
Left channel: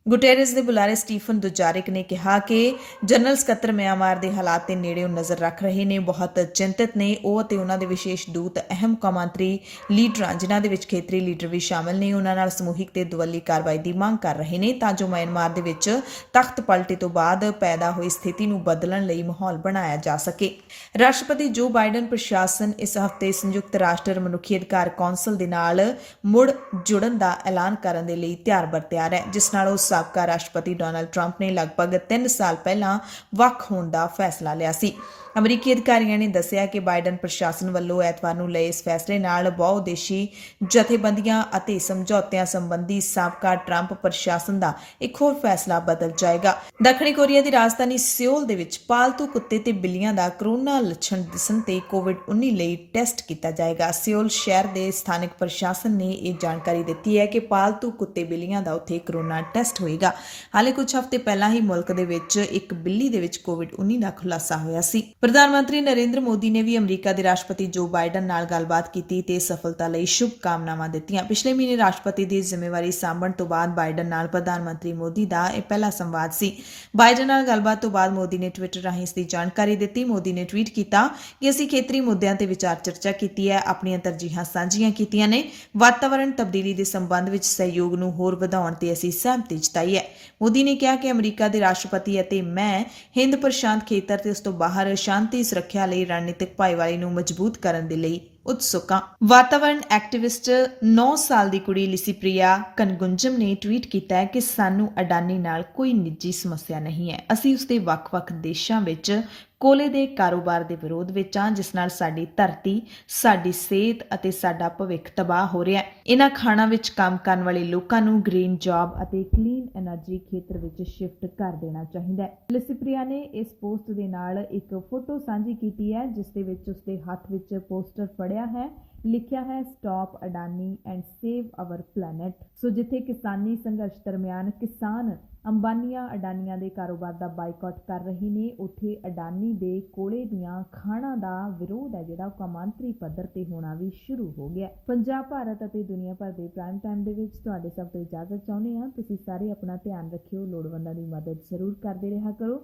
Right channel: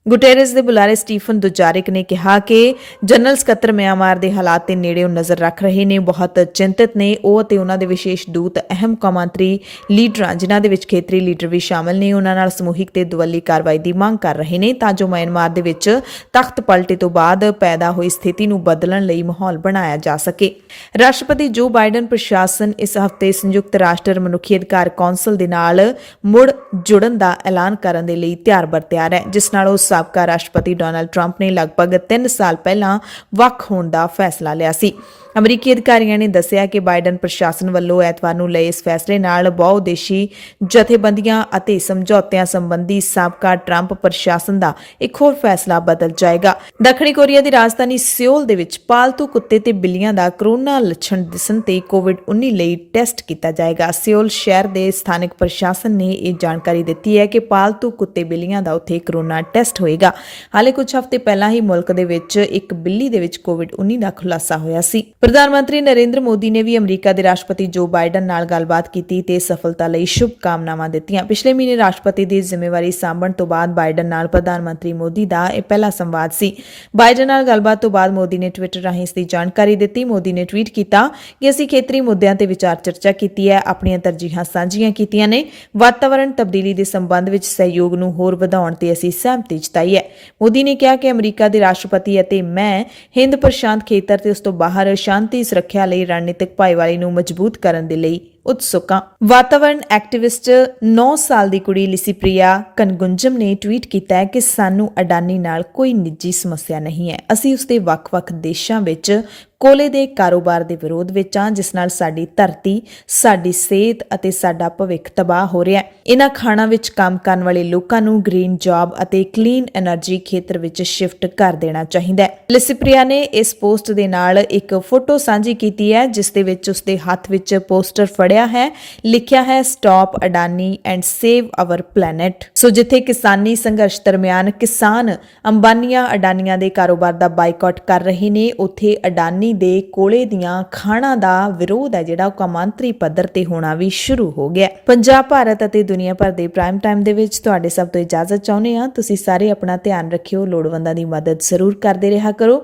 ਗੁਟੇਰਸ ਦੇ ਬੁਲਾਰੇ ਸਟੀਫਨ ਦੁਜਾਰਿਕ ਨੇ ਕਿਹਾ ਕਿ ਜਨਰਲ ਸਕੱਤਰ ਮਿਆਂਮਾਰ ਦੇ ਹਾਲਾਤ ਤੇ ਨੇੜਿਓਂ ਨਜ਼ਰ ਰੱਖ ਰਹੇ ਨੇ, ਬਹੁਤ ਚਿੰਤਤ ਨੇ। ਉਹ ਅਤੇ ਉਹਨਾਂ ਦੇ ਵਿਸ਼ੇਸ਼ ਦੂਤ ਅਹਿਮ ਕੌਮਾਂਤਰੀ ਲੀਡਰਾਂ ਜਿਨ੍ਹਾਂ ਦੇ ਵਿੱਚ ਖੇਤਰੀ ਲੀਡਰ ਵੀ ਸ਼ਾਮਲ ਨੇ ਉਹਨਾਂ ਨਾਲ ਸਮੂਹਿਕ ਤੇ ਦੁਵੱਲੀ ਕਾਰਵਾਈ ਦੀ ਮੰਗ ਕਰ ਰਹੇ ਨੇ ਤਾਂ ਜੋ ਮਿਆਂਮਾਰ ਦੇ ਵਿੱਚ ਤਖਤ ਪਲਟੇ ਤੋਂ ਬਾਅਦ ਪੈਦਾ ਹੋਈ ਸਥਿਤੀ ਨੂੰ ਬਦਲਣ ਲਈ ਮਾਹੌਲ ਬਣਾਇਆ ਜਾ ਸਕੇ। ਰਾਸ਼ਟਰਪਤੀ ਜੋ ਬਾਈਡਨ ਪ੍ਰਸ਼ਾਸਨ ਇਸ ਹਫ਼ਤੇ ਸੰਯੁਕਤ ਰਾਸ਼ਟਰ ਮਨੁੱਖੀ ਅਧਿਕਾਰ ਕੌਂਸਲ ਦੇ ਨਾਲ ਮੁੜ ਜੁੜਨ ਦਾ ਐਲਾਨ ਕਰਨ ਦੇ ਲਈ ਤਿਆਰ ਬਰ ਤਿਆਰ ਹੈ, ਜਿਸ ਨਾਲ ਉਹ ਸਾਬਕਾ ਰਾਸ਼ਟਰਪਤੀ ਡੋਨਾਲਡ ਟਰੰਪ ਨੇ ਲਗਭਗ 3 ਸਾਲ ਪਹਿਲਾਂ ਵੱਖ ਹੋਣ ਦਾ ਫੈਸਲਾ ਲਿਆ ਸੀ। ਅਮਰੀਕੀ ਅਧਿਕਾਰੀਆਂ ਨੇ ਦੱਸਿਆ ਕਿ ਬਾਈਡਨ ਪ੍ਰਸ਼ਾਸਨ ਵੱਲੋਂ ਐਤਵਾਰ ਨੂੰ ਲਏ ਇਸ ਫੈਸਲੇ ਨਾਲ ਬਹੁਉਦੇਸ਼ੀ ਜਥੇਬੰਦੀਆਂ ਅਤੇ ਸਮਝੌਤਿਆਂ ਸੰਬੰਧੀ ਸਾਬਕਾ ਟਰੰਪ ਪ੍ਰਸ਼ਾਸਨ ਦਾ ਇੱਕ ਹੋਰ ਫੈਸਲਾ ਬਦਲ ਜਾਏਗਾ। ਦੱਖਣੀ ਕੋਰੀਆ ਦੀ ਰਾਜਧਾਨੀ ਸਿਓਲ ਦੇ ਵਿੱਚ ਪਾਲਤੂ ਕੁੱਤੇ ਤੇ ਬਿੱਲੀਆਂ ਦਾ ਕੋਰੋਨਾ ਲੱਛਣ ਦਿਸਣ ਤੇ ਕੋਵਿਡ-19 ਲਈ ਟੈਸਟ ਕੀਤਾ ਜਾਏਗਾ। ਸਿਓਲ ਸ਼ਹਿਰ ਦੇ ਸਥਾਨਕ ਪ੍ਰਸ਼ਾਸਨ ਨੇ ਇਹ ਜਾਣਕਾਰੀ ਦਿੱਤੀ ਹੈ ਕਿ ਪਾਲਤੂ ਕੁੱਤੇ ਬਿੱਲੀਆਂ ਦਾ ਉੱਥੇ ਕੋਰੋਨਾ ਟੈਸਟ ਹੋਏਗਾ। ਹਾਲੇ ਕੁਝ ਹਫ਼ਤੇ ਪਹਿਲਾਂ ਹੀ ਮੁਲਕ ਦੇ ਵਿੱਚ ਇੱਕ ਬਿੱਲੀ ਦੇ ਵਿੱਚ ਕੋਵਿਡ-19 ਦਾ ਖੁਲਾਸਾ ਹੋਇਆ ਸੀ। ਪ੍ਰਧਾਨ ਮੰਤਰੀ ਨਰਿੰਦਰ ਮੋਦੀ ਨੇ ਵੀ ਅਮਰੀਕਾ ਦੇ ਰਾਸ਼ਟਰਪਤੀ ਜੋ ਬਾਈਡਨ ਨਾਲ ਗੱਲਬਾਤ ਕੀਤੀ ਤੇ ਸਫਲਤਾ ਲਈ ਸ਼ੁਭ ਕਾਮਨਾਵਾਂ ਦਿੱਤੀਆਂ। ਪਿਛਲੇ ਮਹੀਨੇ ਰਾਸ਼ਟਰਪਤੀ ਦੀ ਜ਼ਿੰਮੇਵਾਰੀ ਸਾਂਭਣ ਤੋਂ ਬਾਅਦ ਬਾਈਡਨ ਨਾਲ ਪ੍ਰਧਾਨ ਮੰਤਰੀ ਮੋਦੀ ਦਾ ਇਹ ਪਹਿਲਾ ਸੰਵਾਦ ਸੀ। ਬਾਈਡਨ ਨਾਲ ਗੱਲਬਾਤ ਤੋਂ ਬਾਅਦ ਮੋਦੀ ਨੇ ਟਵਿੱਟਰ ਰਾਹੀਂ ਇਸ ਦੀ ਜਾਣਕਾਰੀ ਦਿੱਤੀ। ਮੋਦੀ ਨੇ ਟਵੀਟ ਕੀਤਾ ਕਿ ਅਸੀਂ ਖੇਤਰੀ ਮੁੱਦਿਆਂ ਤੇ ਵਿਚਾਰ ਚਰਚਾ ਕੀਤੀ ਹੈ, ਆਪਣੀਆਂ ਤਰਜੀਹਾਂ ਸਾਂਝੀਆਂ ਕੀਤੀਆਂ ਨੇ, ਵਾਤਾਵਰਣ ਤਬਦੀਲੀ ਦੇ ਸੰਬੰਧ ਵਿੱਚ ਸਹਿਯੋਗ ਨੂੰ ਹੋਰ ਵਧਾਉਣ ਤੇ ਅਸੀਂ ਸਹਿਮਤੀ ਜਤਾਈ ਹੈ। ਮੋਦੀ ਨੇ ਕਿਹਾ ਕਿ ਅਮਰੀਕਾ ਦੇ ਰਾਸ਼ਟਰਪਤੀ ਅਤੇ ਮੈਂ ਹਿੰਦ ਪ੍ਰਸ਼ਾਂਤ ਖੇਤਰ ਤੇ ਉਸ ਤੋਂ ਬਾਹਰ ਸ਼ਾਂਤੀ ਸੁਰੱਖਿਆ ਲਈ ਰਣਨੀਤਿਕ ਭਾਈਵਾਲੀ ਨੂੰ ਮਜ਼ਬੂਤ ਕਰਨ ਦੇ ਲਈ ਉਤਸੁਕ ਹਾਂ। ਵਾਤਾਵਰਣ ਐਕਟਿਵਿਸਟ 9 ਸਾਲ ਦੀ ਕੁੜੀ ਲਿਸੀਪ੍ਰਿਆ ਕਨਗੁੰਜਮ ਨੇ ਟਵੀਟ ਕੀਤਾ ਹੈ ਕਿ ਸਾਨੂੰ ਅਡਾਨੀ ਨਾਲ ਕੋਈ ਨਿੱਜੀ ਸਮੱਸਿਆ ਨਹੀਂ ਹੈ। ਅਸੀਂ ਉਸਦੇ ਵੱਖ-ਵੱਖ ਦੇਸ਼ਾਂ ਵਿੱਚ ਕੋਲੇ ਦੇ ਕਾਰੋਬਾਰ ਦੇ ਵਿਰੋਧ ਵਿੱਚ ਹਾਂ, ਜਿਸ ਨਾਲ ਸਾਡੀ ਧਰਤੀ, ਸਾਡੀ ਸਿਹਤ ਅਤੇ ਸਾਡਾ ਭਵਿੱਖ ਤਬਾਹ ਹੋ ਰਿਹਾ ਹੈ। ਇਹਨਾਂ ਖਾਣਾਂ ਵਿੱਚ ਕੰਮ ਕਰਨ ਵਾਲੇ ਲੋਕਾਂ ਨੂੰ ਗ੍ਰੀਨ ਜੌਬ ਅਤੇ ਕਲੀਨ એનર્ਜੀ ਖੇਤਰ ਵਿੱਚ ਸ਼ਿਫਟ ਕਰ ਦੇਣਾ ਚਾਹੀਦਾ ਹੈ। ਲਿਸੀਪ੍ਰਿਆ ਨੇ ਇਸ ਪੋਸਟ ਦੇ ਨਾਲ ਇੱਕ ਫੋਟੋ ਸਾਂਝੀ ਕੀਤੀ ਹੈ, ਜਿਸ ਦੇ ਵਿੱਚ ਉਸਦੇ ਹੱਥ ਵਿੱਚ ਪੋਸਟਰ ਫੜਿਆ ਹੈ, ਲਿਖਿਆ ਹੈ stop Adani and save our planet. So ਜਿੱਥੇ ਕਿਸਾਨੀ ਸੰਘਰਸ਼ ਦਰਮਿਆਨ ਕਿਸਾਨ ਅੰਬਾਨੀਆਂ ਅਡਾਨੀਆਂ ਦੇ ਕਾਰੋਬਾਰ ਦਾ ਬਾਈਕਾਟ ਕਰ ਰਹੇ ਨੇ, ਉੱਥੇ ਅਡਾਨੀ ਦੇ ਕੋਲੇ ਦੀਆਂ ਖਾਣਾਂ ਦਾ ਵਿਰੋਧ ਹੈ ਜਿਹੜਾ ਉਹ ਕੌਮਾਂਤਰੀ ਪੱਧਰ ਤੇ ਹੋਣਾ ਵੀ ਸ਼ੁਰੂ ਹੋ ਗਿਆ। ਪੰਜਾਬ, ਭਾਰਤ ਅਤੇ ਦੁਨੀਆ ਭਰ ਦੇ ਪ੍ਰਾਈਮ ਟਾਈਮ ਦੇ ਵਿੱਚ ਤੁਹਾਡੇ ਸਭ ਤੋਂ ਇਜਾਜ਼ਤ ਚਾਹੁੰਦੇ ਹਾਂ। ਤੁਸੀਂ ਸਾਰੇ ਆਪਣਾ ਧਿਆਨ ਰੱਖਿਓ, ਲੋੜਵੰਦਾਂ ਦੀ ਮਦਦ ਜ਼ਰੂਰ ਕਰਦੇ ਰਿਹਾ ਕਰੋ,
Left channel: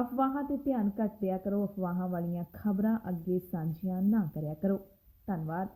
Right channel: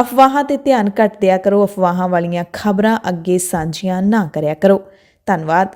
ਅਫਵਾਹਾਂ ਤੇ ਧਿਆਨ ਘੱਟ ਦਿਆ ਕਰੋ, ਅਫਵਾਹਾਂ ਵਾਲੀਆਂ ਖਬਰਾਂ ਅੱਗੇ ਸਾਂਝੀਆਂ ਨਾ ਕਰਿਆ ਕਰੋ। ਧੰਨਵਾਦ।